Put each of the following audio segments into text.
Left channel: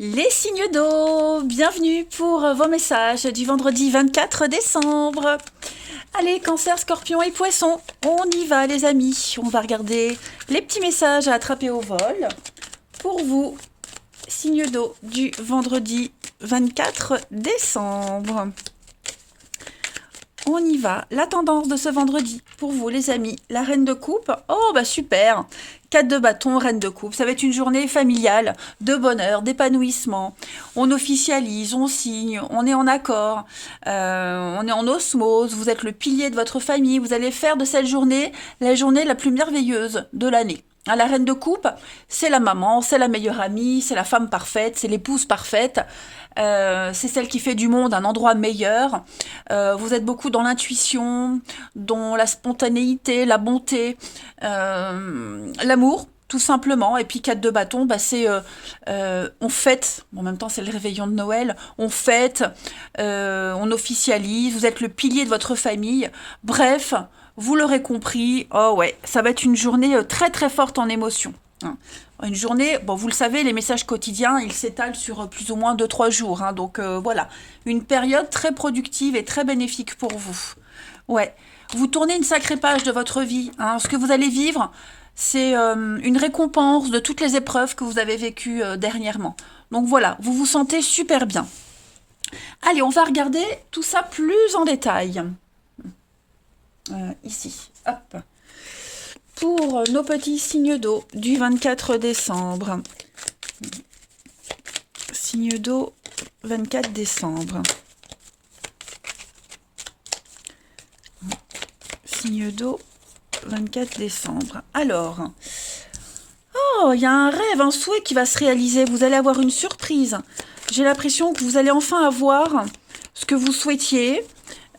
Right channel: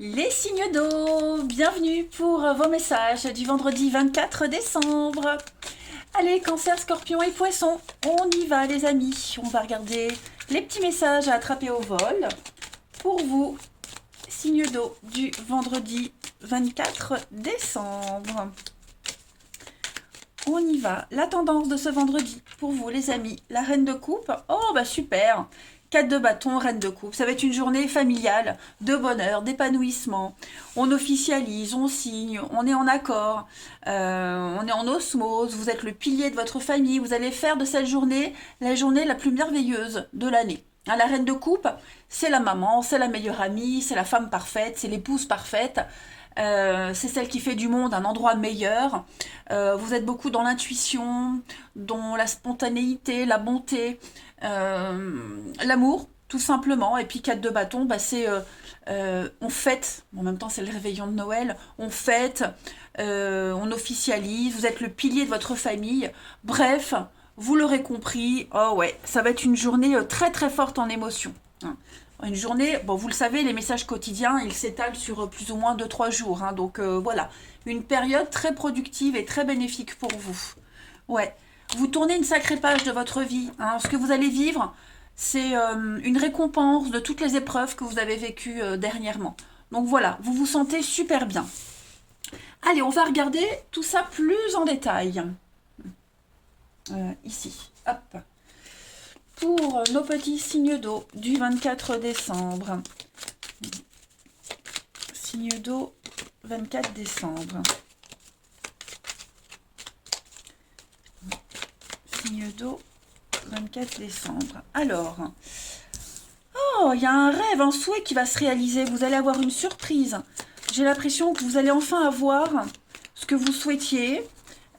Les signes d'eau, bienvenue pour vos messages du vendredi 24 décembre. Allez, cancer, scorpion et poisson, on y va les amis. On va regarder les petits messages à attraper au vol. Pour vous, signes d'eau du vendredi 24 décembre. On y va. La tendance de ce vendredi, pour vous les amis, la reine de coupe. Oh bah super. 4 de bâton, reine de coupe. Ça va être une journée familiale, de bonheur, d'épanouissement. On officialise, on signe, on est en accord, on est en osmose. Vous êtes le pilier de votre famille. Vous allez faire de cette journée la journée la plus merveilleuse de l'année. La reine de coupe, c'est la maman, c'est la meilleure amie, c'est la femme parfaite, c'est l'épouse parfaite. C'est celle qui fait du monde un endroit meilleur. Vous êtes beaucoup dans l'intuition, dans la spontanéité, la bonté, l'amour, tout simplement. Et puis 4 de bâton, bah, c'est on fête, en même temps c'est le réveillon de Noël, on fête, on officialise, vous êtes le pilier de votre famille. Bref, vous l'aurez compris, oh ouais, ça va être une journée très très forte en émotion. Une journée, bon, vous le savez, les messages quotidiens, ils s'étalent sur plus ou moins 2-3 jours. Donc voilà, une période très productive et très bénéfique pour vous. Ouais, vous tournez une sacrée page de votre vie. Ce que vous allez vivre, c'est une récompense de toutes les épreuves que vous avez vécues dernièrement. Donc voilà, vous vous sentez super bien. Allez, on va regarder tout ça plus en détail. Ici, hop. Pour nos petits signes d'eau du 24 décembre. Signe d'eau 24 décembre. Signe d'eau 24 décembre. Alors, oh, il y a un rêve, un souhait qui va se réaliser. Vous allez avoir une surprise. J'ai l'impression que vous allez enfin avoir ce que vous souhaitiez.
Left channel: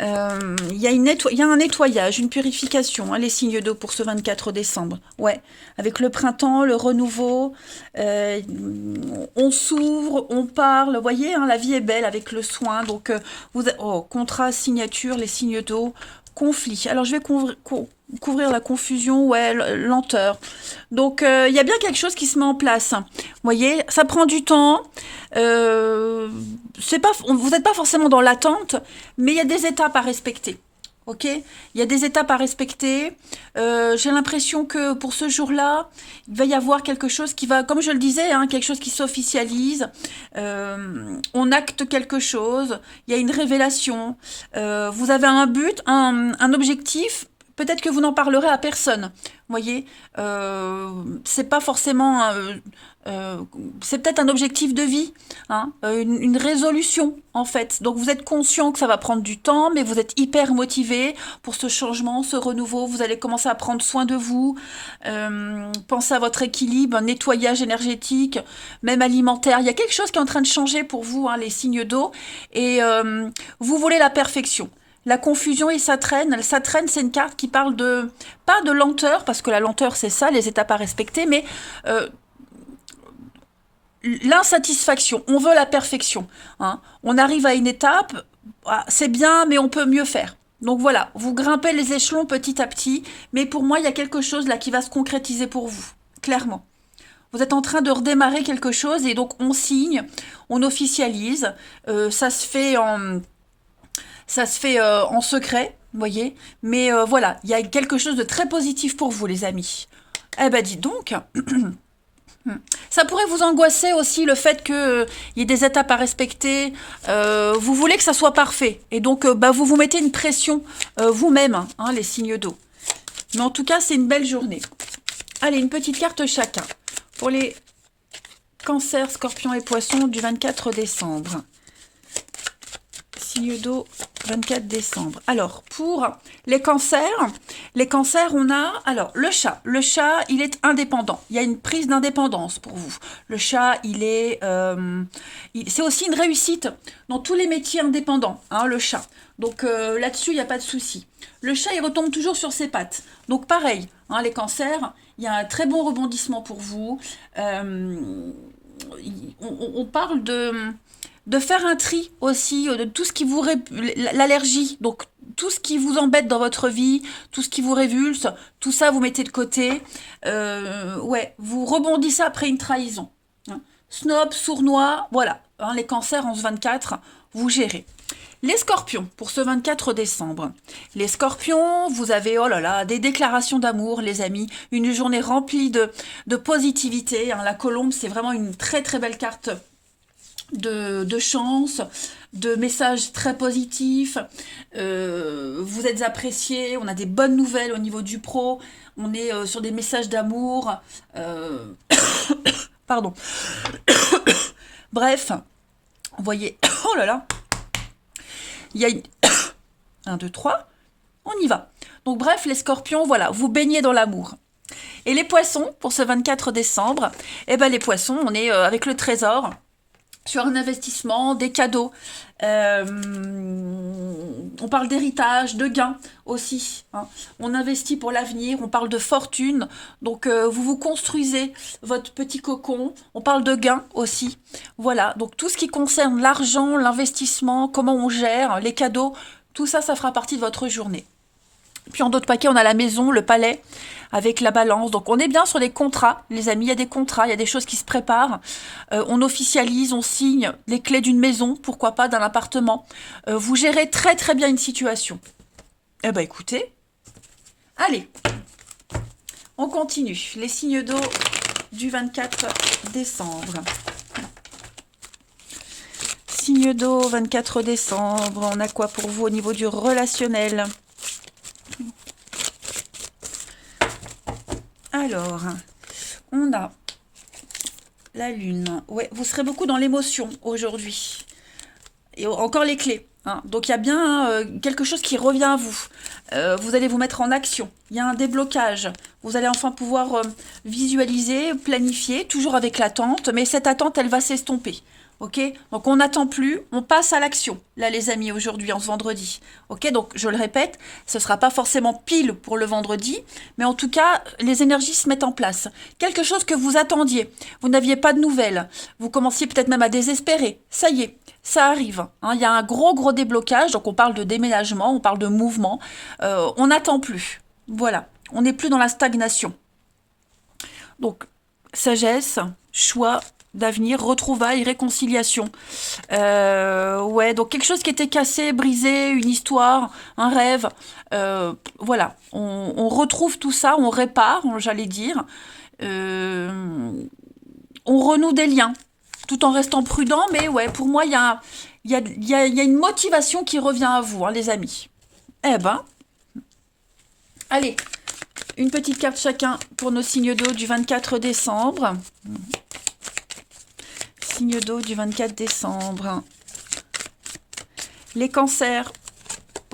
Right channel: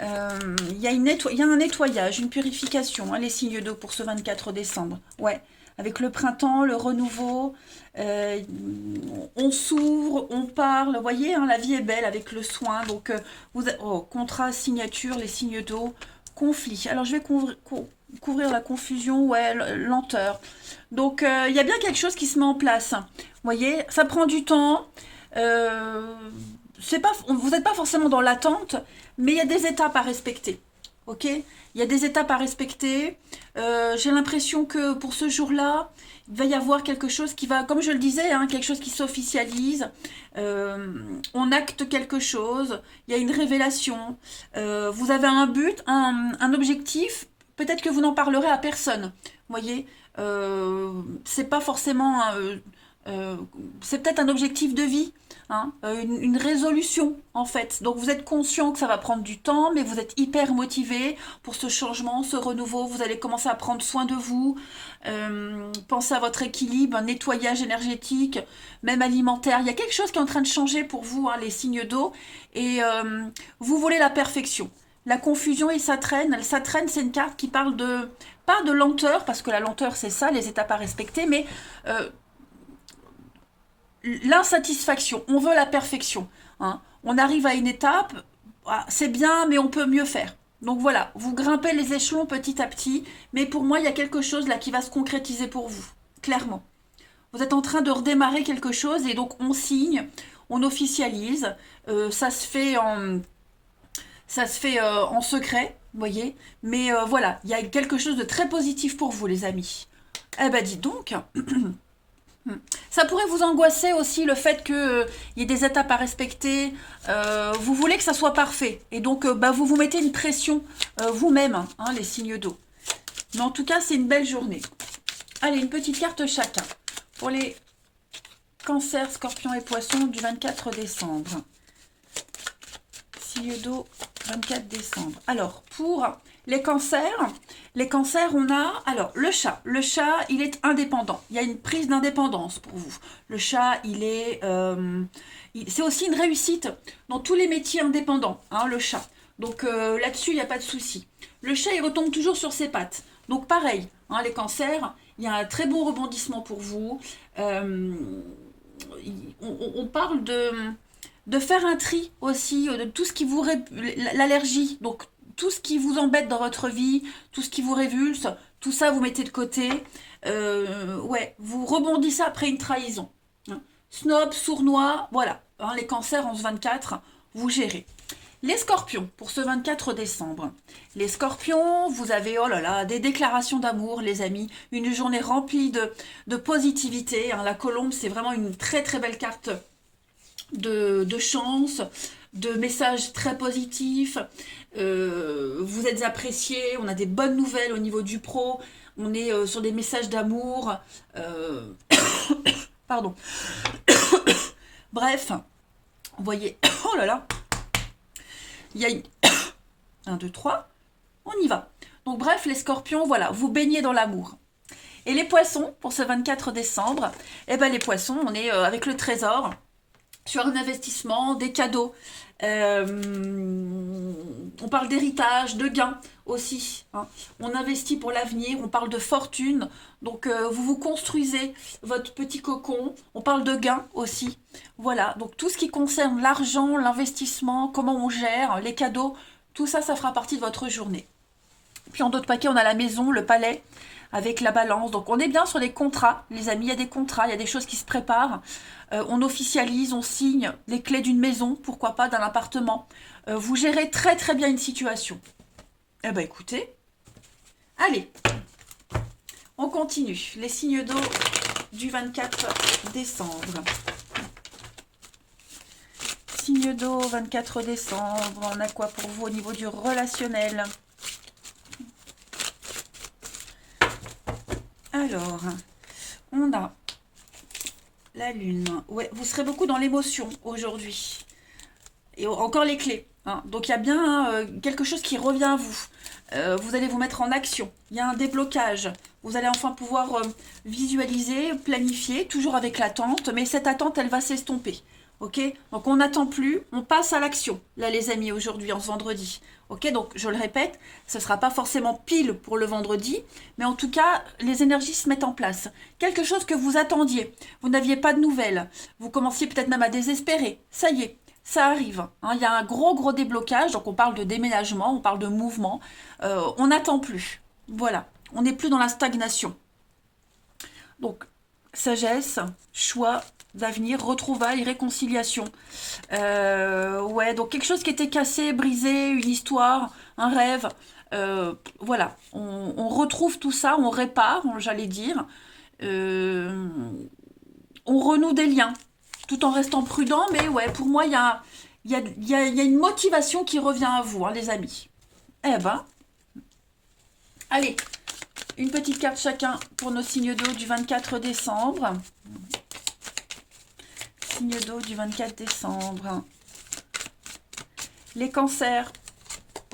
Il y a un nettoyage, une purification, les signes d'eau pour ce 24 décembre. Ouais, avec le printemps, le renouveau, on s'ouvre, on parle. Vous voyez, la vie est belle avec le soin. Donc, contrat, signature, les signes d'eau, conflit. Alors, je vais couvrir la confusion, ouais, lenteur. Donc, il y a bien quelque chose qui se met en place. Vous voyez, ça prend du temps. Vous n'êtes pas forcément dans l'attente, mais il y a des étapes à respecter. Ok, il y a des étapes à respecter. J'ai l'impression que pour ce jour-là, il va y avoir quelque chose qui va, comme je le disais, quelque chose qui s'officialise. On acte quelque chose. Il y a une révélation. Vous avez un but, un objectif. Peut-être que vous n'en parlerez à personne. Vous voyez, c'est pas forcément. C'est peut-être un objectif de vie, une résolution en fait. Donc vous êtes conscient que ça va prendre du temps, mais vous êtes hyper motivé pour ce changement, ce renouveau. Vous allez commencer à prendre soin de vous, penser à votre équilibre, un nettoyage énergétique, même alimentaire. Il y a quelque chose qui est en train de changer pour vous, les signes d'eau, et vous voulez la perfection. La confusion et ça traîne. Ça traîne, c'est une carte qui parle de, pas de lenteur, parce que la lenteur c'est ça, les étapes à respecter, mais l'insatisfaction, on veut la perfection. On arrive à une étape, c'est bien, mais on peut mieux faire. Donc voilà, vous grimpez les échelons petit à petit, mais pour moi, il y a quelque chose là qui va se concrétiser pour vous, clairement. Vous êtes en train de redémarrer quelque chose et donc on signe, on officialise, ça se fait en secret, vous voyez, mais voilà, il y a quelque chose de très positif pour vous, les amis. Eh ben, dites donc. Ça pourrait vous angoisser aussi le fait qu'il y ait des étapes à respecter. Vous voulez que ça soit parfait. Et donc, vous vous mettez une pression vous-même, les signes d'eau. Mais en tout cas, c'est une belle journée. Allez, une petite carte chacun. Pour les cancers, scorpions et poissons du 24 décembre. Signe d'eau 24 décembre. Alors, pour les cancers, on a... Alors, le chat, il est indépendant. Il y a une prise d'indépendance pour vous. Le chat, c'est aussi une réussite dans tous les métiers indépendants, le chat. Donc, là-dessus, il n'y a pas de souci. Le chat, il retombe toujours sur ses pattes. Donc, pareil, les cancers, il y a un très bon rebondissement pour vous. On parle de faire un tri aussi de tout ce qui vous l'allergie, donc tout ce qui vous embête dans votre vie, tout ce qui vous révulse, tout ça vous mettez de côté. Ouais, vous rebondissez après une trahison. snob, sournois, voilà. Hein, les cancers en ce 24, vous gérez. Les scorpions, pour ce 24 décembre. Les scorpions, vous avez, oh là là, des déclarations d'amour, les amis. Une journée remplie de positivité. Hein. La colombe, c'est vraiment une très très belle carte de chance, de messages très positifs. Vous êtes appréciés, on a des bonnes nouvelles au niveau du pro. On est sur des messages d'amour. Pardon. Bref, vous voyez, oh là là. Il y a une... 1, 2, 3, on y va. Donc bref, les scorpions, voilà, vous baignez dans l'amour. Et les poissons, pour ce 24 décembre, eh ben les poissons, on est avec le trésor, sur un investissement, des cadeaux. On parle d'héritage, de gains aussi. Hein. On investit pour l'avenir, on parle de fortune. Donc vous vous construisez votre petit cocon. On parle de gains aussi. Voilà, donc tout ce qui concerne l'argent, l'investissement, comment on gère, les cadeaux, tout ça, ça fera partie de votre journée. Puis en d'autres paquets, on a la maison, le palais, avec la balance. Donc on est bien sur les contrats, les amis. Il y a des contrats, il y a des choses qui se préparent. On officialise, on signe les clés d'une maison, pourquoi pas d'un appartement. Vous gérez très très bien une situation. Eh ben écoutez, allez, on continue. Les signes d'eau du 24 décembre. Signe d'eau, 24 décembre. On a quoi pour vous au niveau du relationnel ? Alors, on a la lune. Ouais, vous serez beaucoup dans l'émotion aujourd'hui. Et encore les clés. Hein. Donc, il y a bien quelque chose qui revient à vous. Vous allez vous mettre en action. Il y a un déblocage. Vous allez enfin pouvoir visualiser, planifier, toujours avec l'attente. Mais cette attente, elle va s'estomper. Ok, donc on n'attend plus, on passe à l'action, là les amis, aujourd'hui, en ce vendredi. Ok, donc je le répète, ce ne sera pas forcément pile pour le vendredi, mais en tout cas, les énergies se mettent en place. Quelque chose que vous attendiez, vous n'aviez pas de nouvelles, vous commenciez peut-être même à désespérer, ça y est, ça arrive. Hein, il y a un gros déblocage, donc on parle de déménagement, on parle de mouvement, on n'attend plus. Voilà, on n'est plus dans la stagnation. Donc, sagesse, choix, d'avenir, retrouvailles, réconciliation. Ouais, donc quelque chose qui était cassé, brisé, une histoire, un rêve. Voilà, on retrouve tout ça, on répare, j'allais dire. On renoue des liens, tout en restant prudent, mais ouais, pour moi, il y a une motivation qui revient à vous, hein, les amis. Eh ben, allez, une petite carte chacun pour nos signes d'eau du 24 décembre. Signe d'eau du 24 décembre. Les cancers,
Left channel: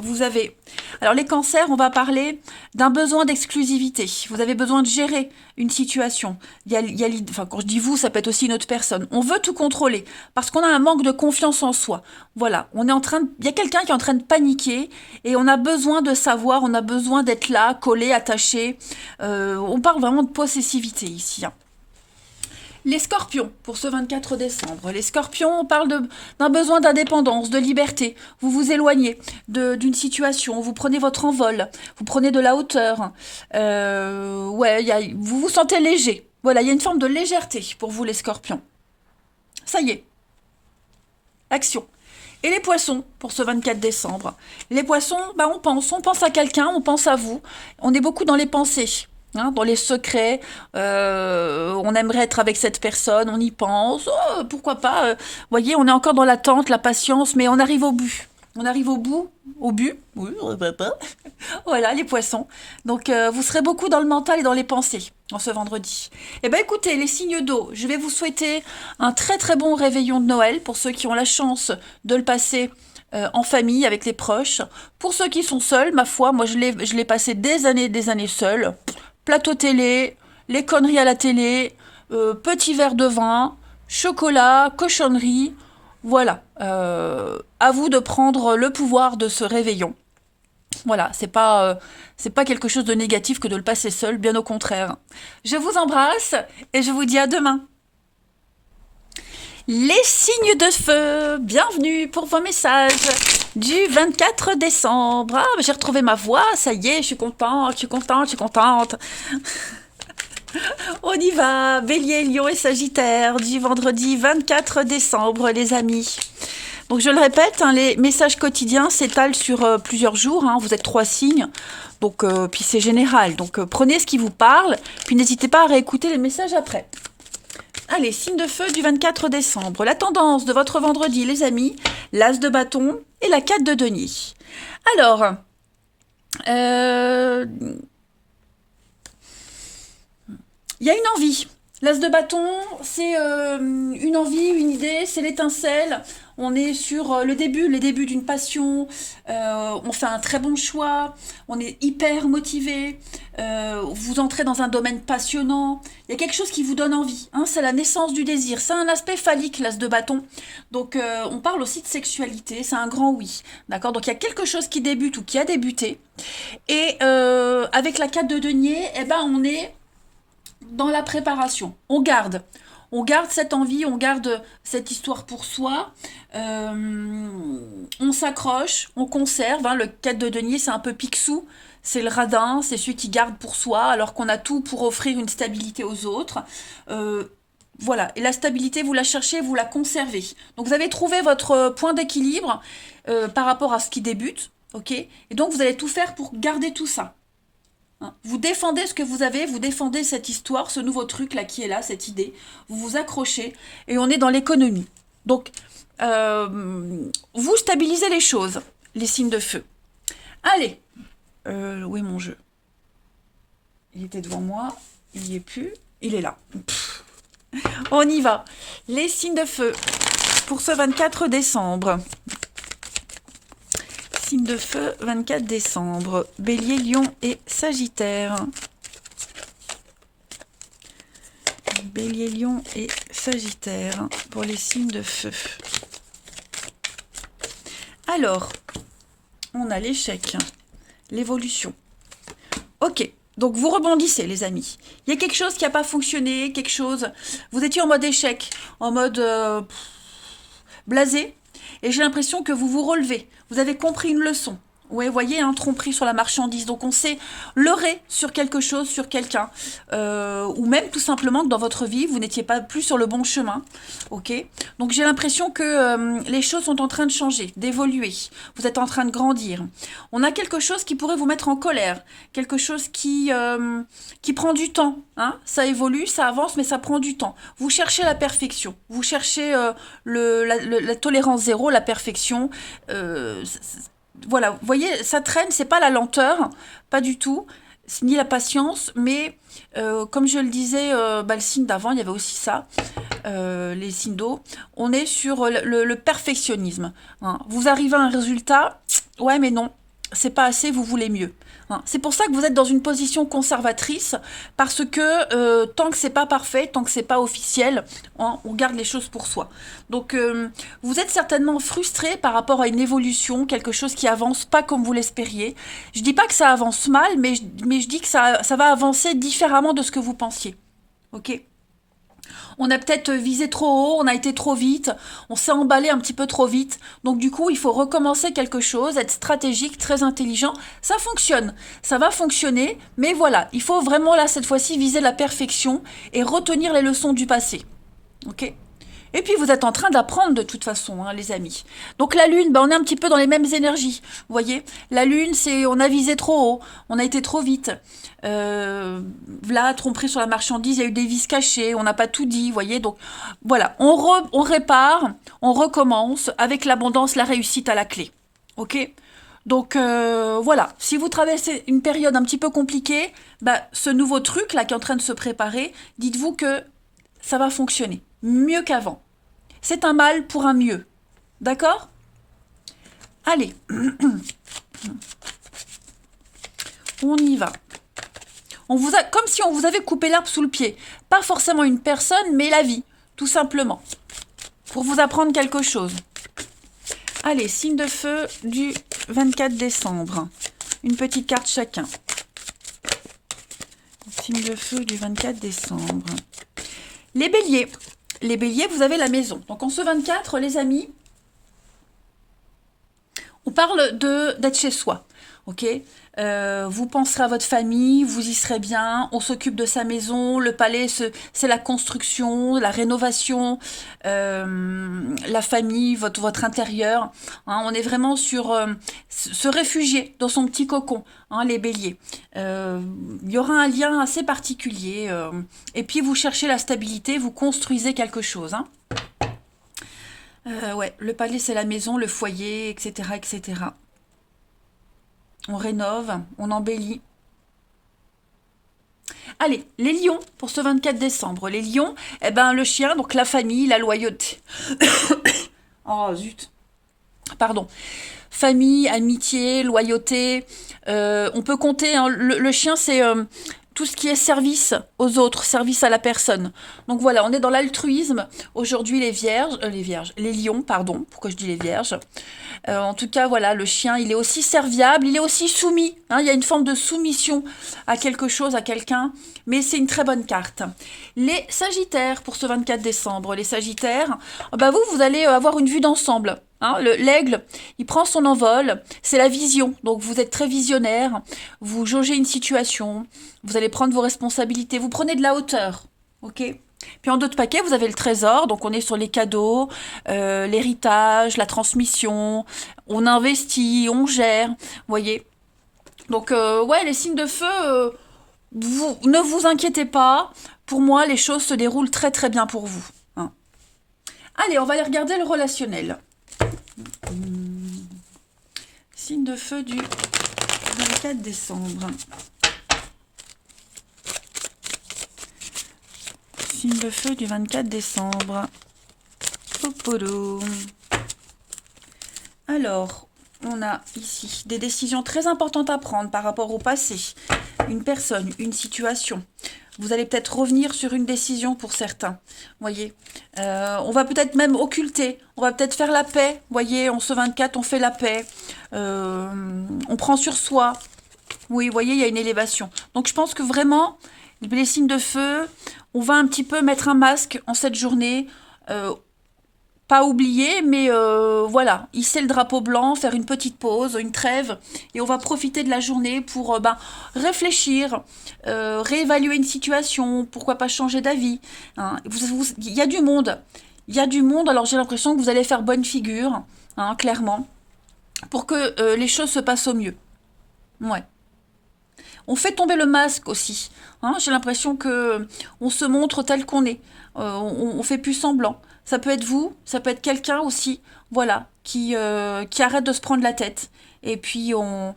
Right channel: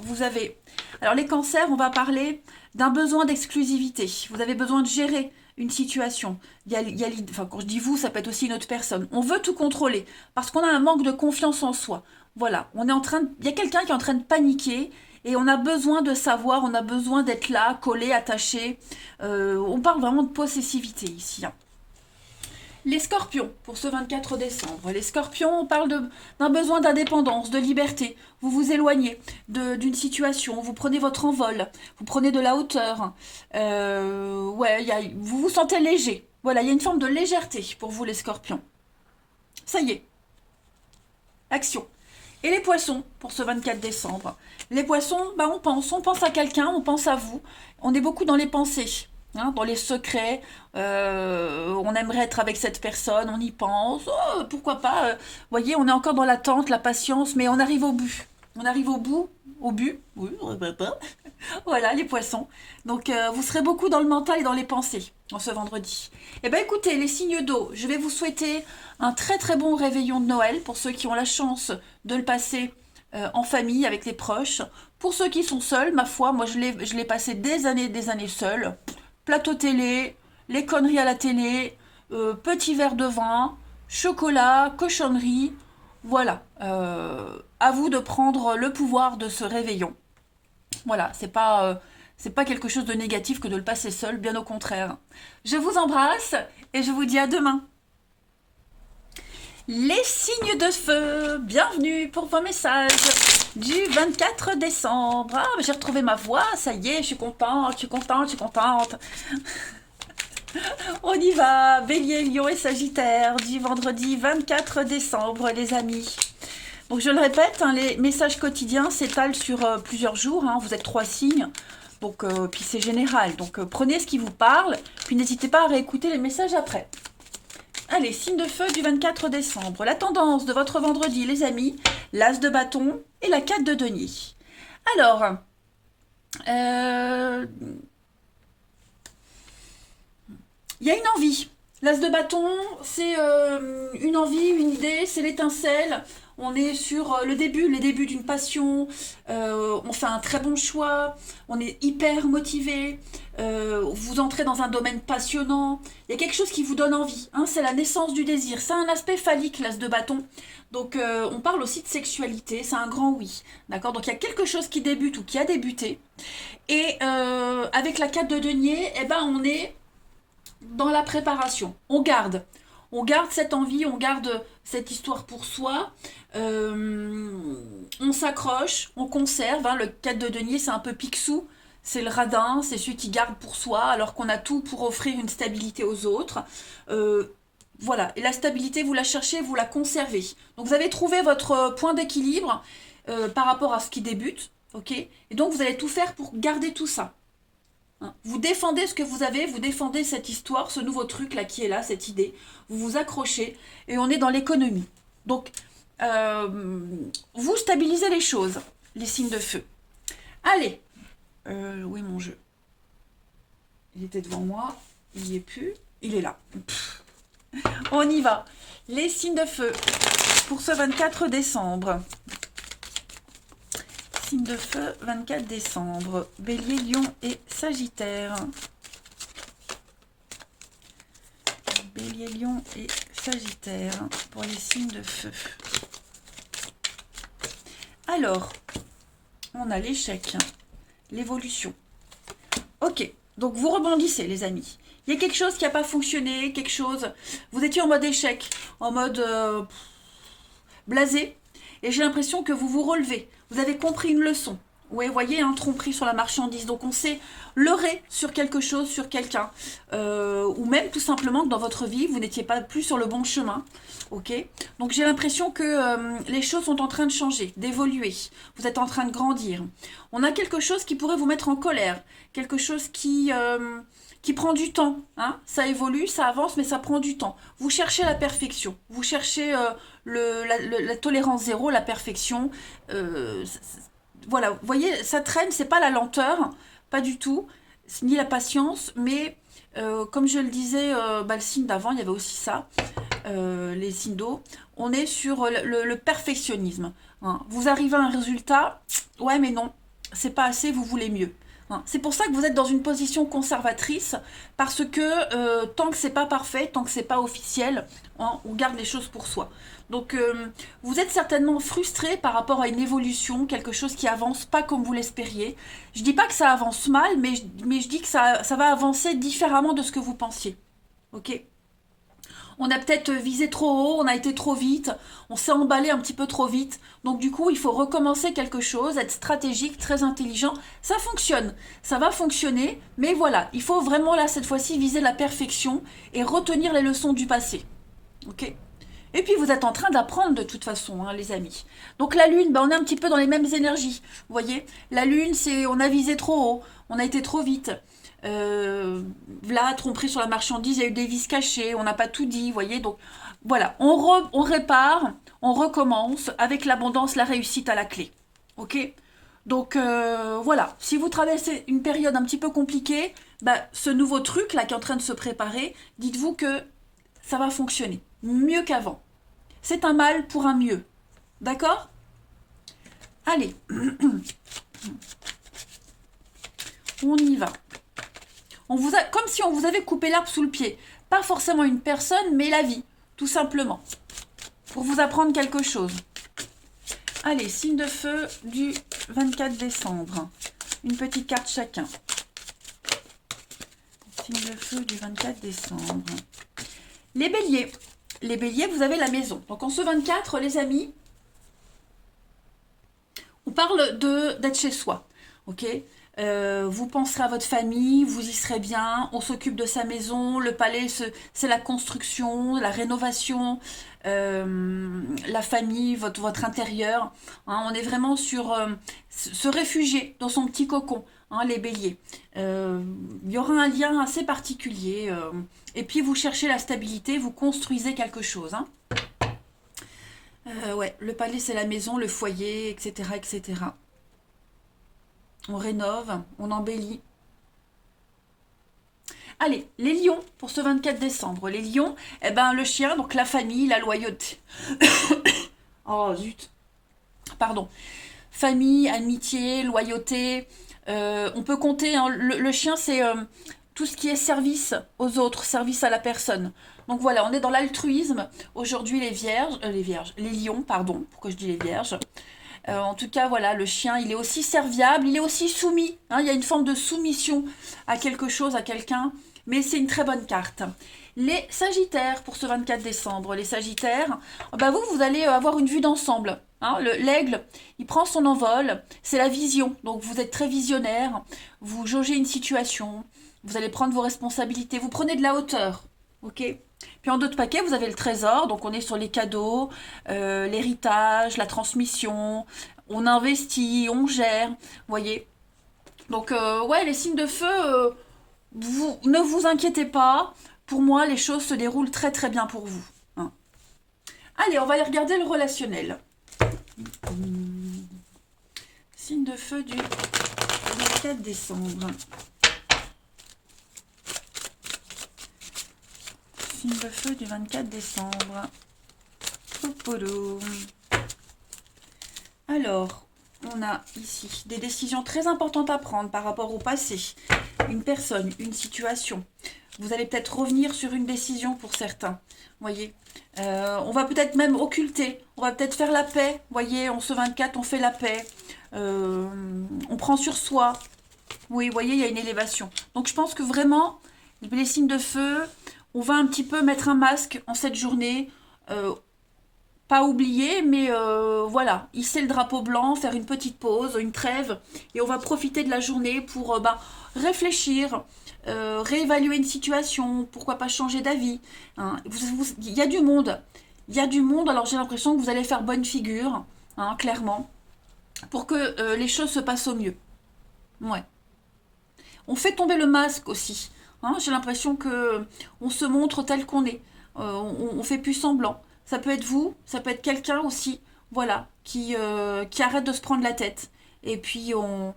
vous avez... Alors les cancers, on va parler d'un besoin d'exclusivité. Vous avez besoin de gérer une situation. Enfin, quand je dis vous, ça peut être aussi une autre personne. On veut tout contrôler parce qu'on a un manque de confiance en soi. Voilà, il y a quelqu'un qui est en train de paniquer et on a besoin de savoir, on a besoin d'être là, collé, attaché. On parle vraiment de possessivité ici. Hein. Les scorpions, pour ce 24 décembre. Les scorpions, on parle d'un besoin d'indépendance, de liberté. Vous vous éloignez d'une situation, vous prenez votre envol, vous prenez de la hauteur. Vous vous sentez léger. Voilà, il y a une forme de légèreté pour vous, les scorpions. Ça y est. Action. Et les poissons, pour ce 24 décembre. Les poissons, on pense à quelqu'un, on pense à vous. On est beaucoup dans les pensées. Hein, dans les secrets, on aimerait être avec cette personne, on y pense, pourquoi pas. Vous voyez, on est encore dans l'attente, la patience, mais on arrive au but. On arrive au but, oui, voilà, les poissons. Donc, vous serez beaucoup dans le mental et dans les pensées en ce vendredi. Eh bien, écoutez, les signes d'eau, je vais vous souhaiter un très très bon réveillon de Noël pour ceux qui ont la chance de le passer en famille, avec les proches. Pour ceux qui sont seuls, ma foi, moi je l'ai passé des années seule. Plateau télé, les conneries à la télé, petit verre de vin, chocolat, cochonnerie. Voilà. À vous de prendre le pouvoir de ce réveillon. Voilà, c'est pas quelque chose de négatif que de le passer seul, bien au contraire. Je vous embrasse et je vous dis à demain. Les signes de feu, bienvenue pour vos messages du 24 décembre. Ah, j'ai retrouvé ma voix, ça y est, je suis contente. On y va. Bélier, Lion et Sagittaire du vendredi 24 décembre, les amis. Donc je le répète, hein, les messages quotidiens s'étalent sur plusieurs jours. Hein, vous êtes 3 signes. Donc, puis c'est général. Donc prenez ce qui vous parle. Puis n'hésitez pas à réécouter les messages après. Allez, signe de feu du 24 décembre. La tendance de votre vendredi, les amis, l'as de bâton et la 4 de denier. Alors, il y a une envie. L'as de bâton, c'est une envie, une idée, c'est l'étincelle. On est sur le début d'une passion. On fait un très bon choix. On est hyper motivé. Vous entrez dans un domaine passionnant. Il y a quelque chose qui vous donne envie. Hein, c'est la naissance du désir. C'est un aspect phallique, l'as de bâton. Donc, on parle aussi de sexualité. C'est un grand oui. D'accord. Donc, il y a quelque chose qui débute ou qui a débuté. Et avec la 4 de denier, eh ben, on est dans la préparation. On garde cette envie, on garde cette histoire pour soi, on s'accroche, on conserve, hein, le 4 de denier c'est un peu Picsou, c'est le radin, c'est celui qui garde pour soi, alors qu'on a tout pour offrir une stabilité aux autres. Voilà, et la stabilité, vous la cherchez, vous la conservez. Donc vous avez trouvé votre point d'équilibre par rapport à ce qui débute, ok? Et donc vous allez tout faire pour garder tout ça. Vous défendez ce que vous avez, vous défendez cette histoire, ce nouveau truc là qui est là, cette idée. Vous vous accrochez et on est dans l'économie. Donc, vous stabilisez les choses, les signes de feu. Allez, où est mon jeu? Il était devant moi, il n'y est plus, il est là. On y va. Les signes de feu pour ce 24 décembre. Signe de feu, 24 décembre. Bélier, Lion et Sagittaire. Bélier, Lion et Sagittaire pour les signes de feu. Alors, on a l'échec, l'évolution. Ok, donc vous rebondissez les amis. Il y a quelque chose qui n'a pas fonctionné, quelque chose... Vous étiez en mode échec, en mode blasé. Et j'ai l'impression que vous vous relevez. Vous avez compris une leçon. Oui, vous voyez, un tromperie sur la marchandise. Donc, on s'est leurré sur quelque chose, sur quelqu'un. Ou même, tout simplement, que dans votre vie, vous n'étiez pas plus sur le bon chemin. Ok. Donc, j'ai l'impression que les choses sont en train de changer, d'évoluer. Vous êtes en train de grandir. On a quelque chose qui pourrait vous mettre en colère. Quelque chose qui prend du temps. Hein. Ça évolue, ça avance, mais ça prend du temps. Vous cherchez la perfection. Vous cherchez la tolérance zéro, la perfection. Voilà, vous voyez, ça traîne, c'est pas la lenteur, pas du tout, ni la patience, mais comme je le disais, le signe d'avant, il y avait aussi ça, les signes d'eau, on est sur le perfectionnisme. Hein. Vous arrivez à un résultat, ouais mais non, c'est pas assez, vous voulez mieux. Hein. C'est pour ça que vous êtes dans une position conservatrice, parce que tant que c'est pas parfait, tant que c'est pas officiel, hein, on garde les choses pour soi. Donc vous êtes certainement frustré par rapport à une évolution, quelque chose qui avance pas comme vous l'espériez. Je dis pas que ça avance mal, mais je dis que ça va avancer différemment de ce que vous pensiez. Ok ? On a peut-être visé trop haut, on a été trop vite, on s'est emballé un petit peu trop vite. Donc du coup, il faut recommencer quelque chose, être stratégique, très intelligent. Ça fonctionne, ça va fonctionner, mais voilà, il faut vraiment là, cette fois-ci, viser la perfection et retenir les leçons du passé. Ok ? Et puis vous êtes en train d'apprendre de toute façon, hein, les amis. Donc la lune, on est un petit peu dans les mêmes énergies. Vous voyez, la lune, c'est on a visé trop haut, on a été trop vite. Là, tromperie sur la marchandise, il y a eu des vis cachées, on n'a pas tout dit, vous voyez. Donc voilà, on répare, on recommence avec l'abondance, la réussite à la clé. Ok ? Donc voilà, si vous traversez une période un petit peu compliquée, ce nouveau truc là qui est en train de se préparer, dites-vous que ça va fonctionner mieux qu'avant. C'est un mal pour un mieux. D'accord ? Allez. On y va. Comme si on vous avait coupé l'herbe sous le pied. Pas forcément une personne, mais la vie, tout simplement. Pour vous apprendre quelque chose. Allez, signe de feu du 24 décembre. Une petite carte chacun. Signe de feu du 24 décembre. Les béliers. Les béliers, vous avez la maison. Donc en ce 24, les amis, on parle d'être chez soi. ok? Vous penserez à votre famille, vous y serez bien, on s'occupe de sa maison, le palais, c'est la construction, la rénovation, la famille, votre intérieur. Hein, on est vraiment sur se réfugier dans son petit cocon, hein, les béliers. Il y aura un lien assez particulier. Et puis vous cherchez la stabilité, vous construisez quelque chose. Hein. Ouais, le palais c'est la maison, le foyer, etc., etc. On rénove, on embellit. Allez, les lions pour ce 24 décembre. Les lions, eh ben le chien, donc la famille, la loyauté. Oh zut, pardon. Famille, amitié, loyauté. On peut compter, hein, le chien c'est tout ce qui est service aux autres, service à la personne. Donc voilà, on est dans l'altruisme. Aujourd'hui les lions, pardon, pourquoi je dis les vierges. En tout cas, voilà, le chien, il est aussi serviable, il est aussi soumis. Hein, il y a une forme de soumission à quelque chose, à quelqu'un, mais c'est une très bonne carte. Les Sagittaires pour ce 24 décembre. Les Sagittaires, bah vous allez avoir une vue d'ensemble. Hein, l'aigle, il prend son envol, c'est la vision. Donc vous êtes très visionnaire, vous jaugez une situation, vous allez prendre vos responsabilités, vous prenez de la hauteur. Ok. Puis en d'autres paquets, vous avez le trésor, donc on est sur les cadeaux, l'héritage, la transmission, on investit, on gère, vous voyez. Donc ouais, les signes de feu, ne vous inquiétez pas, pour moi les choses se déroulent très très bien pour vous. Hein. Allez, on va aller regarder le relationnel. Signe de feu du 24 décembre. Signe de feu du 24 décembre. Popolo. Alors, on a ici des décisions très importantes à prendre par rapport au passé. Une personne, une situation. Vous allez peut-être revenir sur une décision pour certains. Voyez, on va peut-être même occulter. On va peut-être faire la paix. Voyez, en ce 24, on fait la paix. On prend sur soi. Oui, voyez, il y a une élévation. Donc, je pense que vraiment, les signes de feu, on va un petit peu mettre un masque en cette journée. Pas oublier, mais voilà, hisser le drapeau blanc, faire une petite pause, une trêve, et on va profiter de la journée pour réfléchir, réévaluer une situation, pourquoi pas changer d'avis. Hein. Il y a du monde, il y a du monde, alors j'ai l'impression que vous allez faire bonne figure, hein, clairement, pour que les choses se passent au mieux. Ouais. On fait tomber le masque aussi. Hein, j'ai l'impression que on se montre tel qu'on est. On fait plus semblant. Ça peut être vous, ça peut être quelqu'un aussi, voilà, qui arrête de se prendre la tête. Et puis on,